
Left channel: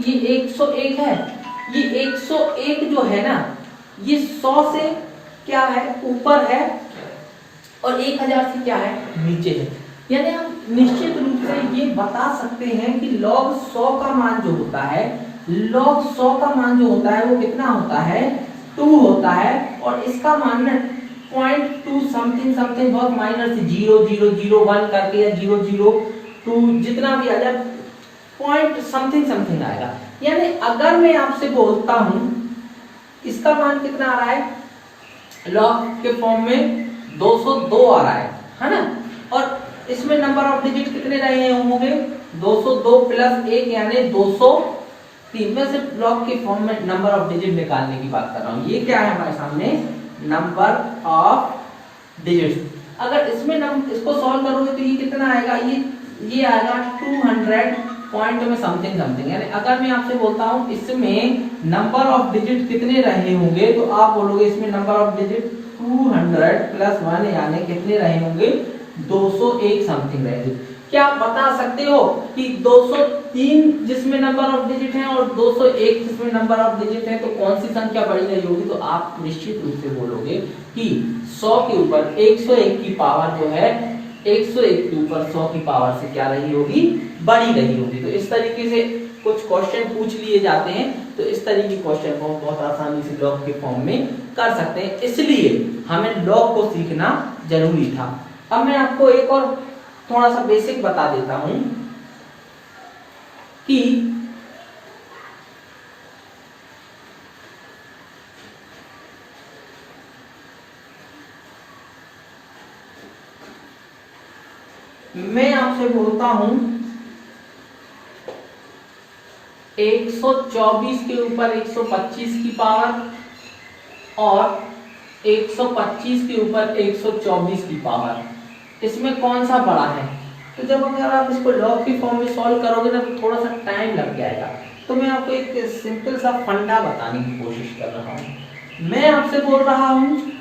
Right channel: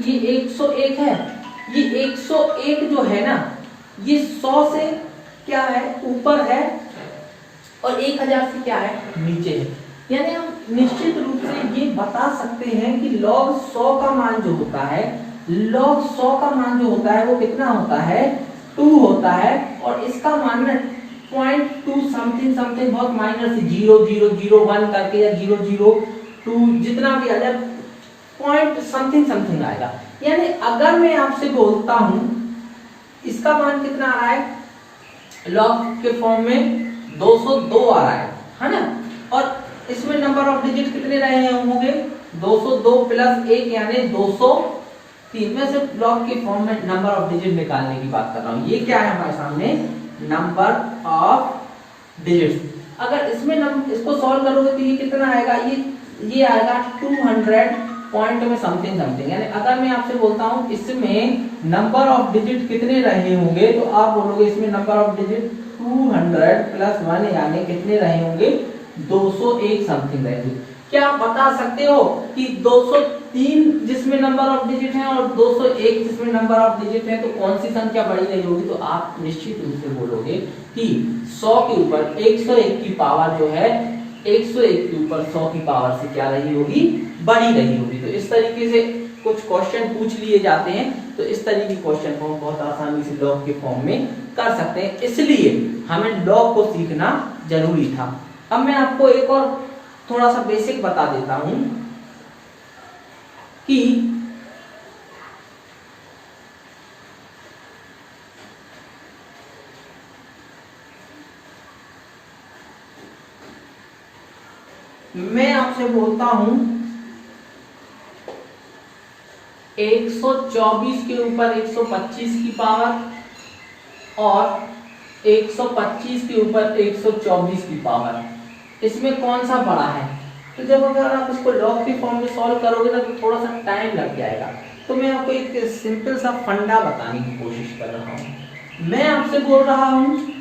ये 101 है, ये 101 जो है ना ये 100 से क्या है ऊपर है और 1000 से क्या है नीचे है। यानी हम निश्चित रूप से ये बता सकते हैं कि log 100 का मान जो होता है, log 100 का मान जो होता है वो कितना होता है 2 होता है और इसका मान 0.2 समथिंग समथिंग बहुत माइनर से 0001 करके या 002 जितना भी आ जाए पॉइंट समथिंग समथिंग आएगा। यानी अगर मैं आपसे बोलता हूं इसका मान कितना आ रहा है लॉग के फॉर्म में 202 आ रहा है ना, और इसमें नंबर ऑफ डिजिट कितने रहे होंगे 202 प्लस 1 यानी 203। मैं सिर्फ लॉग के फॉर्म में नंबर ऑफ डिजिट निकालने की बात कर रहा हूं। ये क्या है हमारे सामने नंबर ऑफ डिजिट्स। अगर इसमें इसको सॉल्व करोगे तो ये कितना आएगा, ये आएगा 200 पॉइंट में समथिंग समथिंग। यानी अगर मैं आपसे बोलता हूं इसमें नंबर ऑफ डिजिट कितने रहे होंगे तो आप बोलोगे इसमें नंबर ऑफ डिजिट 200 प्लस 1 यानी कितने रहे होंगे 201 समथिंग रहे थे। क्या आप बता सकते हो कि 203 जिसमें नंबर ऑफ डिजिट है और 201 जिसमें नंबर ऑफ डिजिट है तो कौन सी संख्या बड़ी रही होगी, तो आप निश्चित रूप से बोलोगे कि 100 के ऊपर 101 की पावर जो है 101 के ऊपर 100 की पावर से क्या रही होगी बड़ी रही होगी। तो इस तरीके से कुछ क्वेश्चन पूछ लिए जाते हैं, तो इस तरीके के क्वेश्चन को हम बहुत आसानी से लॉग के फॉर्म में कर सकते हैं, इसलिए हमें लॉग को सीखना जरूरी था। अब मैं आपको एक और थोड़ा सा बेसिक बता देता हूं कि मैं आपसे बोलता हूं 124 के ऊपर 125 की पावर और 125 के ऊपर 124 की पावर, इसमें कौन सा बड़ा है। तो जब अगर आप इसको लॉग के फॉर्म में सॉल्व करोगे ना तो थोड़ा सा टाइम लग जाएगा। तो मैं आपको एक सिंपल सा फंडा बताने की कोशिश कर रहा हूँ। मैं आपसे बोल रहा हूँ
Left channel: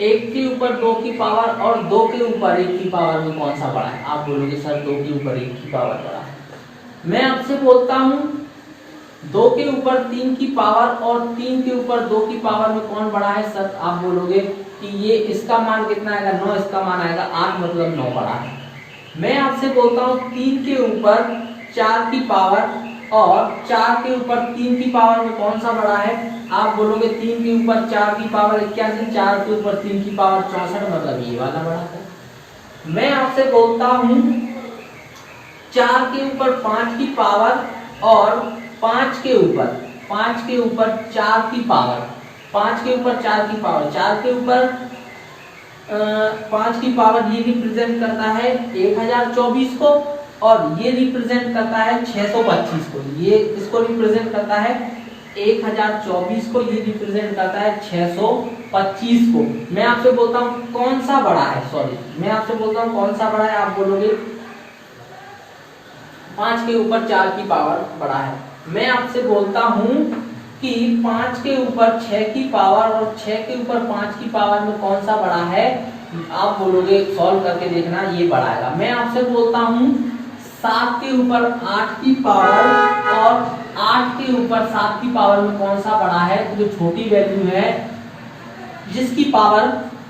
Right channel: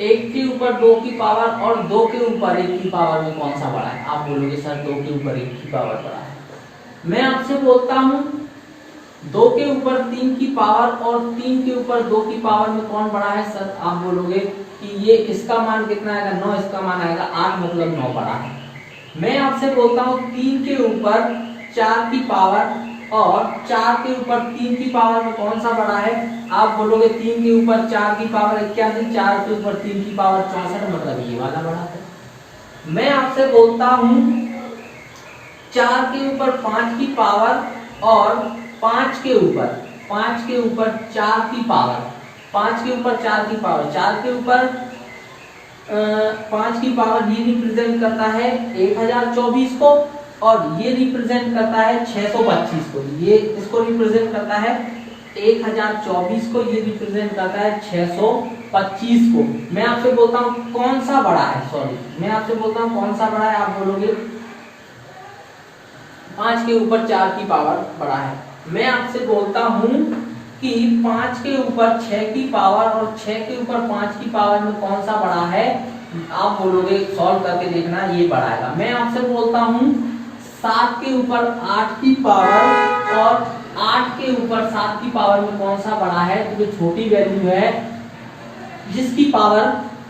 1 के ऊपर 2 की पावर और 2 के ऊपर 1 की पावर में कौन सा बड़ा है। आप बोलोगे सर 2 के ऊपर 1 की पावर बड़ा है। मैं आपसे बोलता हूँ 2 के ऊपर 3 की पावर और 3 के ऊपर 2 की पावर में कौन बड़ा है। सर आप बोलोगे कि ये इसका मान कितना आएगा 9, इसका मान आएगा 8, मतलब 9 बड़ा है। मैं आपसे बोलता हूँ 3 के ऊपर 4 की पावर और 4 के ऊपर 3 की पावर में कौन सा बड़ा है। आप बोलोगे 3 के ऊपर 4 की पावर 81, 4 के ऊपर 3 की पावर 64, मतलब ये वाला बड़ा है। मैं आपसे बोलता हूँ 4 के ऊपर 5 की पावर और 5 के ऊपर 4 की पावर, 5 के ऊपर 4 की पावर, 4 के ऊपर 5 की पावर ये रिप्रेजेंट करता है 1024 को और ये रिप्रेजेंट करता है 625 को। ये इसको रिप्रेजेंट करता है 1024 को, ये रिप्रेजेंट करता है 625 को। मैं आपसे बोलता हूँ कौन सा बड़ा है, सॉरी मैं आपसे बोलता हूँ कौन सा बड़ा है। आप बोलोगे 5 के ऊपर 4 की पावर बड़ा है। मैं आपसे बोलता हूँ कि 5 के ऊपर 6 की पावर और 6 के ऊपर 5 की पावर में कौन सा बड़ा है। आप बोलोगे सॉल्व करके देखना ये बड़ा आएगा। मैं आपसे बोलता हूँ 7 के ऊपर 8 की पावर और 8 के ऊपर 7 की पावर में कौन सा बड़ा है। तो जो छोटी वैल्यू है जिसकी पावर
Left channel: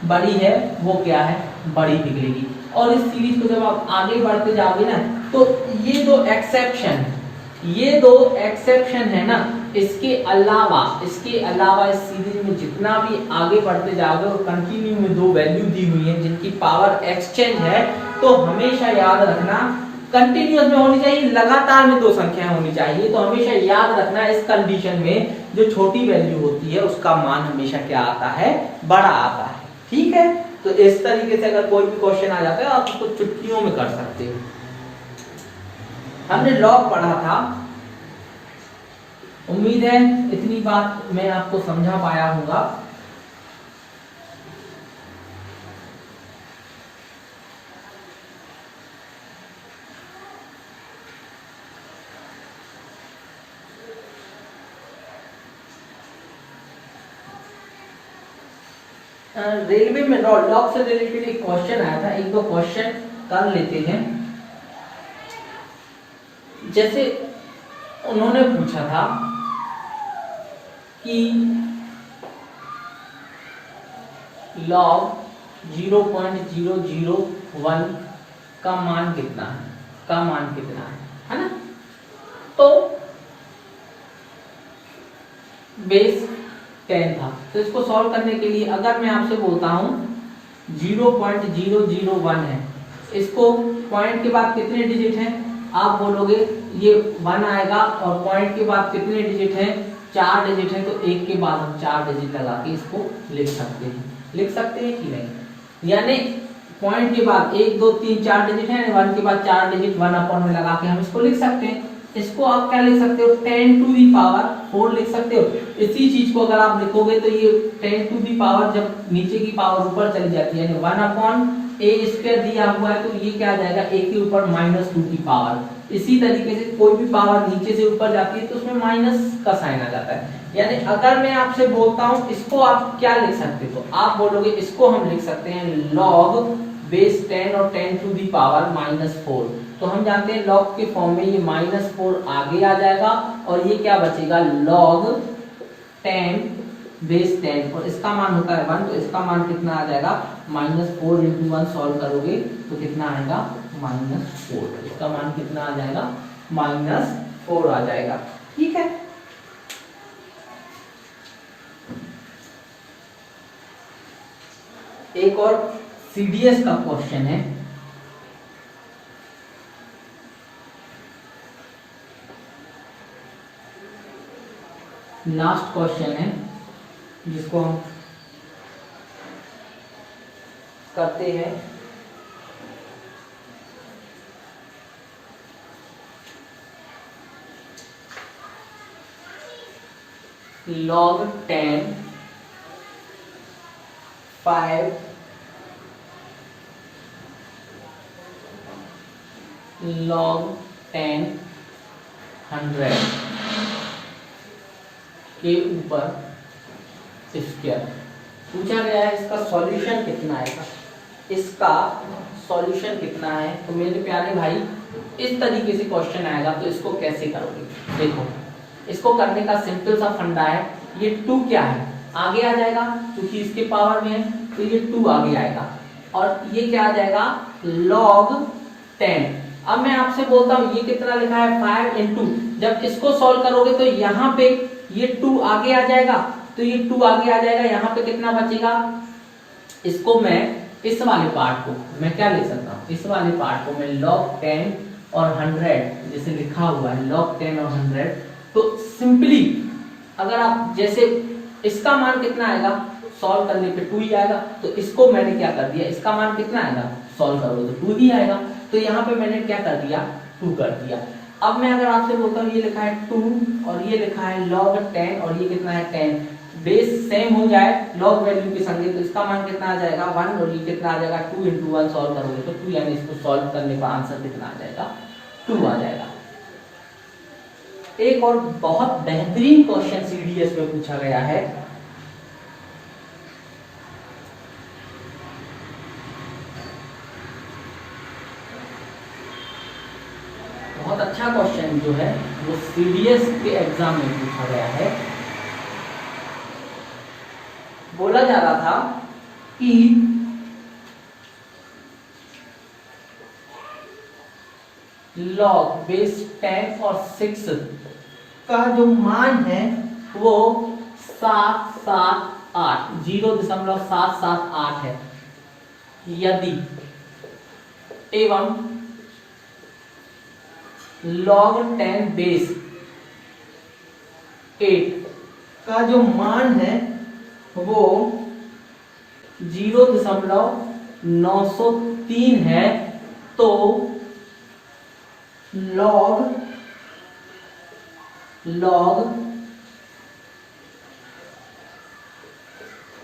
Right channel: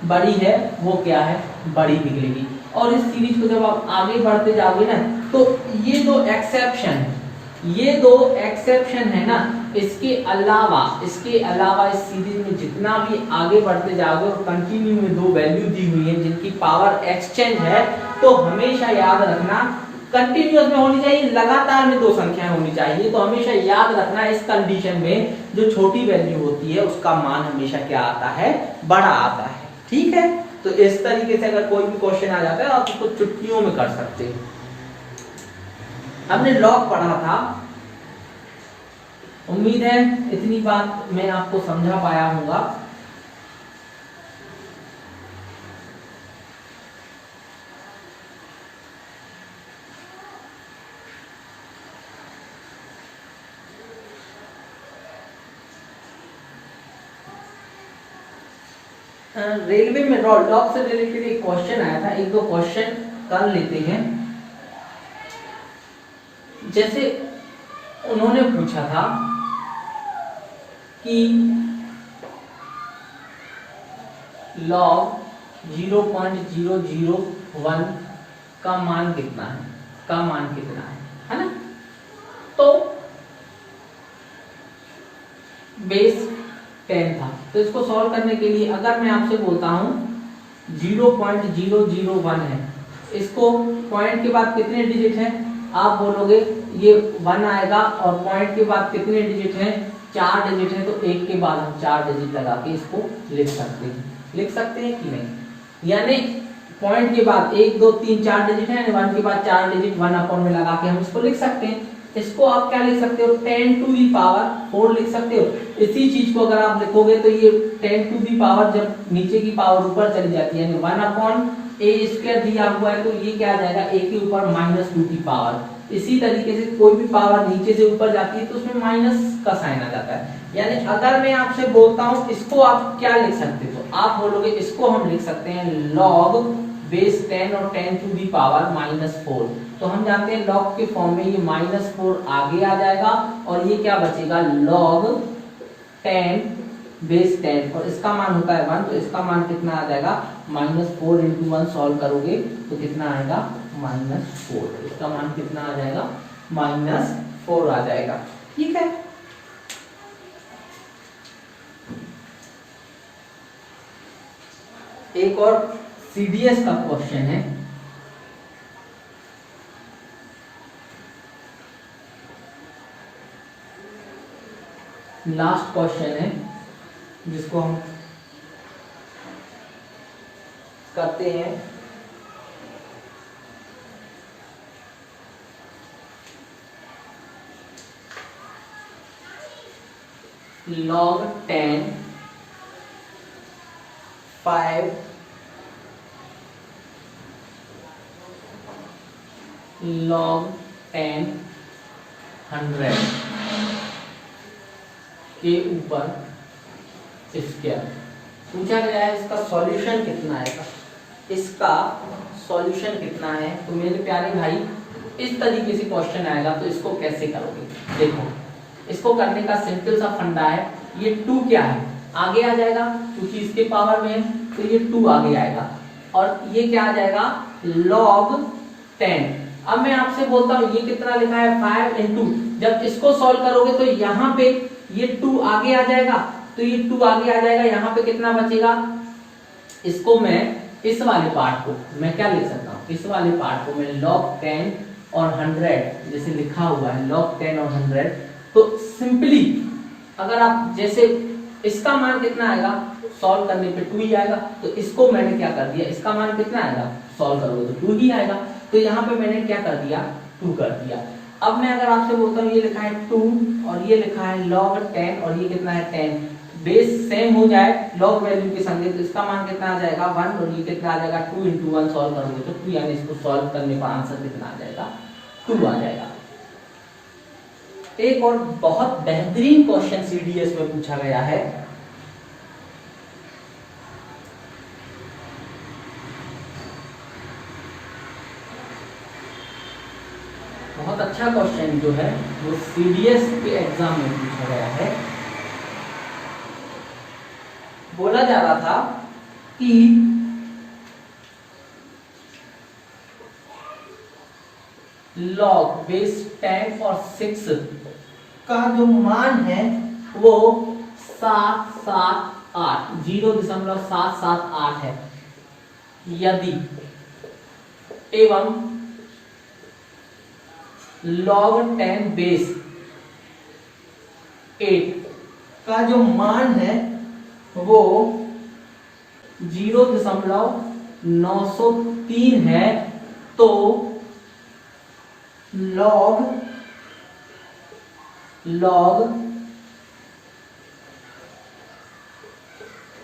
बड़ी है वो क्या है, बड़ी निकलेगी। और इस सीरीज को जब आप आगे बढ़ते जाओगे ना तो ये दो एक्सेप्शन है ना, इसके अलावा इस सीरीज में जितना भी आगे बढ़ते जाओगे और कंटिन्यू में 2 वैल्यू दी हुई है जिनकी पावर एक्सचेंज है, तो हमेशा याद रखना कंटिन्यूअस में होनी चाहिए, लगातार में 2 संख्याएं होनी चाहिए। तो हमेशा याद रखना इस कंडीशन में जो छोटी वैल्यू होती है उसका मान हमेशा क्या आता है, बड़ा आता है। ठीक है, तो इस तरीके से अगर कोई भी क्वेश्चन आ जाता है आप उसको चुटकियों में कर सकते हो। हमने लॉग पढ़ा था, उम्मीद है इतनी बात मैं आपको समझा पाया हूंगा। रेलवे में लॉग से रिलेटेड एक क्वेश्चन आया था, एक दो क्वेश्चन कर लेते हैं। जैसे उन्होंने पूछा था कि लॉग 0.001 का मान कितना है ना? तो बेस 10 था, तो इसको सॉल्व करने के लिए अगर मैं आपसे बोलता हूं 0.001 है, इसको पॉइंट के बाद कितने डिजिट हैं आप बोलोगे ये 1 आएगा, और पॉइंट के बाद कितने डिजिट हैं 4 डिजिट है, तो एक के बाद हम 4 डिजिट लगा के इसको लिख सकते हैं कि नहीं? यानी पॉइंट के बाद 1 2 3 4 डिजिट है, 1 के बाद 4 डिजिट 1 अपॉन में लगा के हम इसको लिख सकते हैं। इसको आप क्या लिख सकते हो 10 टू दी पावर 4 लिख सकते हो। इसी चीज को अगर आप लिखोगे तो ये 10 टू दी पावर जब नीचे की पावर ऊपर चली जाती है, यानी 1 अपॉन ए स्क्वायर दिया हुआ है, तो ये क्या आ जाएगा a के ऊपर -2 की पावर। इसी तरीके से कोई भी पावर नीचे से ऊपर जाती है तो उसमें माइनस का साइन आ जाता है। यानी अगर मैं आपसे बोलता हूं इसको आप क्या लिख सकते हो, आप बोलोगे इसको हम लिख सकते हैं log बेस 10 और 10 टू दी पावर -4। तो हम जानते हैं log के फॉर्म में ये -4 आगे आ जाएगा और ये क्या बचेगा log 10 बेस 10, और इसका मान होता है 1, तो इसका मान कितना आ जाएगा -4 × 1 सॉल्व करोगे तो कितना आएगा -4। इसका मान कितना आ जाएगा -4 आ जाएगा। ठीक है, एक और सीडीएस का क्वेश्चन है। लास्ट क्वेश्चन है जिसको हम करते हैं। log 10 5 log 10 100 के ऊपर स्क्वायर पूछा गया है। इसका सॉल्यूशन कितना आएगा, तो मेरे प्यारे भाई इस तरीके से क्वेश्चन आएगा, तो इसको कैसे करोगे? देखो, इसको करने का सिंपल सा फंडा है, ये 2 क्या है आगे आ जाएगा क्योंकि इसके पावर में है, तो ये 2 आगे आएगा, और ये क्या आ जाएगा log 10। अब मैं आपसे बोलता हूं ये कितना लिखा है 5 × जब इसको सॉल्व करोगे तो यहाँ पे ये 2 आगे आ जाएगा, तो ये 2 आगे आ जाएगा, यहाँ पे कितना बचेगा? इसको मैं इस वाले पार्ट को मैं क्या लिख सकता हूँ, इस वाले पार्ट को मैं log 10 और 100 जैसे लिखा हुआ है log 10 और 100, तो सिंपली अगर आप जैसे इसका मान कितना आएगा सॉल्व करने पे 2 ही आएगा, तो इसको मैंने क्या कर दिया, इसका मान कितना आएगा सॉल्व करोगे तो 2 ही आएगा, तो यहाँ पे मैंने क्या कर दिया 2 कर दिया। अब मैं अगर आपसे बोलता हूँ ये लिखा है 2 और ये लिखा है log 10 और ये कितना है 10, बेस सेम हो जाए log वैल्यू के संगे, तो इसका मान कितना आ जाएगा 1 और ये कितना आ जाएगा 2 × 1 सॉल्व करोगे तो 2, यानी इसको सॉल्व करने का आंसर कितना आ जाएगा 2 आ जाएगा। एक और बहुत बेहतरीन क्वेश्चन सीडीएस में पूछा गया है, बहुत अच्छा क्वेश्चन जो है वो सीडीएस के एग्जाम में पूछा गया है। बोला जा रहा था कि log बेस 10 और 6 का जो मान है वो 778 0.778 है, यदि एवं log 10 बेस 8 का जो मान है वो 0.903 है, तो log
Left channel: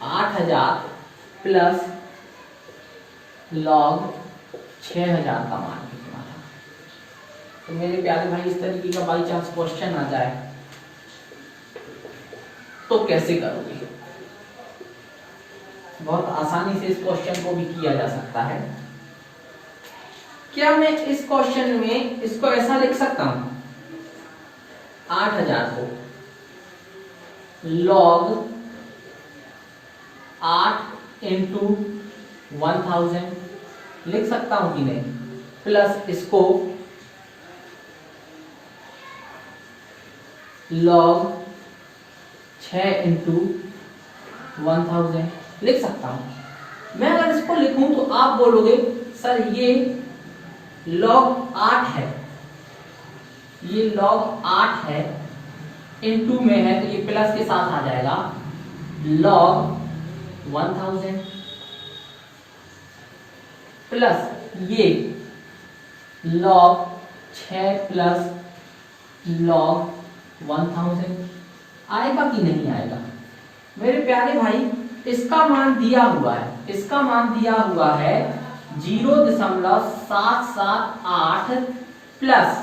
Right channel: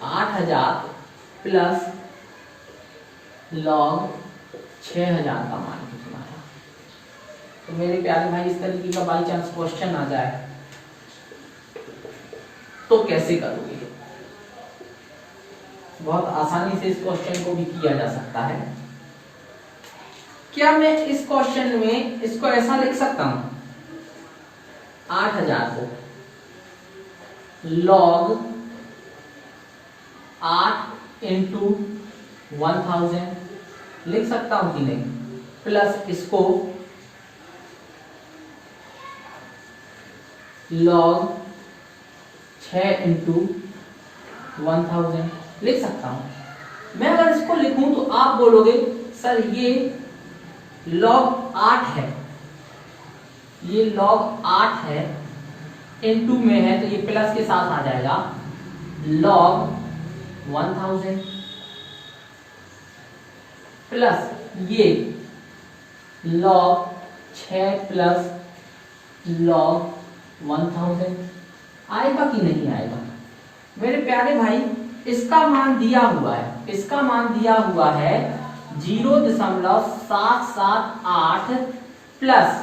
8000 प्लस log 6000 का मान कितना है। तो मेरे प्यारे भाई इस तरीके का बाई चांस क्वेश्चन आ जाए तो कैसे करोगे? बहुत आसानी से इस क्वेश्चन को भी किया जा सकता है। क्या मैं इस क्वेश्चन में इसको ऐसा लिख सकता हूं, 8000 को log 8 इंटू 1000 लिख सकता हूं कि नहीं, प्लस इसको log 6 इंटू 1000 लिख सकता हूं। मैं अगर इसको लिखूं तो आप बोलोगे सर ये log 8 है, ये log 8 है, इनटू में है तो ये प्लस के साथ आ जाएगा log 1000 प्लस ये log 6 प्लस log 1000 आएगा कि नहीं आएगा? मेरे प्यारे भाई इसका मान दिया हुआ है, इसका मान दिया हुआ है 0.778 प्लस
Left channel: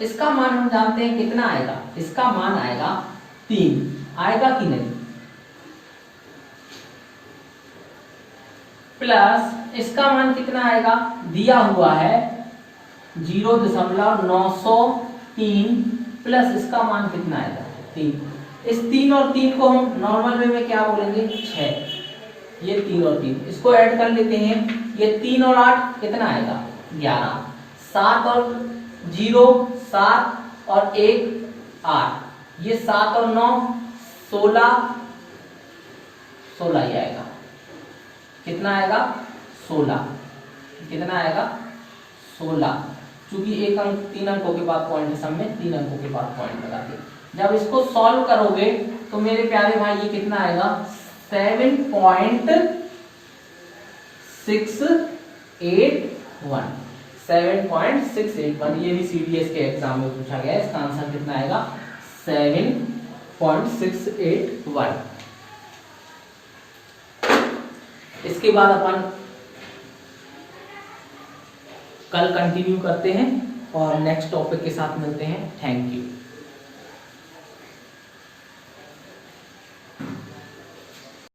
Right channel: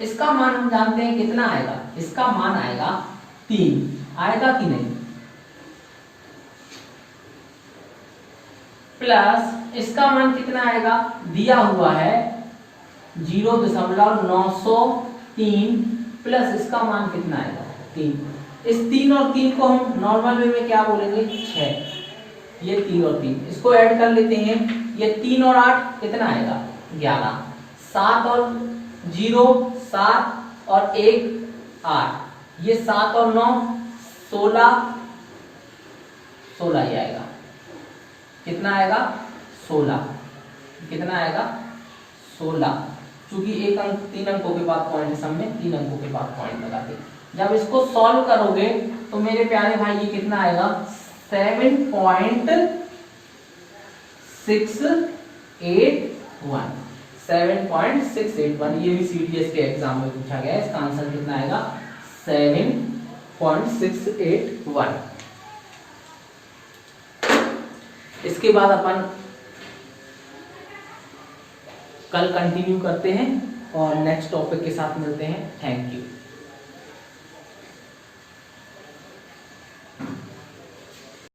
इसका मान हम जानते हैं कितना आएगा, इसका मान आएगा 3, आएगा कि नहीं? प्लस इसका मान कितना आएगा, दिया हुआ है 0.903 प्लस इसका मान कितना आएगा 3। इस 3 और 3 को हम नॉर्मल वे में क्या बोलेंगे 6, ये 3 और 3 इसको ऐड कर लेते हैं, ये 3 और 8 कितना आएगा 11, 7 और 0 7 और 1 8, ये 7 और 9 16 16 ही आएगा, कितना आएगा 16, कितना आएगा 16, क्योंकि एक अंक 3 अंकों के बाद पॉइंट है, सब में 3 अंकों के बाद पॉइंट लगाते। जब इसको सॉल्व करोगे तो मेरे प्यारे भाई ये कितना आएगा 7.681, 7.681, ये भी सीडीएस के एग्जाम में पूछा गया है। इसका आंसर कितना आएगा 7.681। इसके बाद अपन कल कंटिन्यू करते हैं और नेक्स्ट टॉपिक के साथ मिलते हैं। Thank you.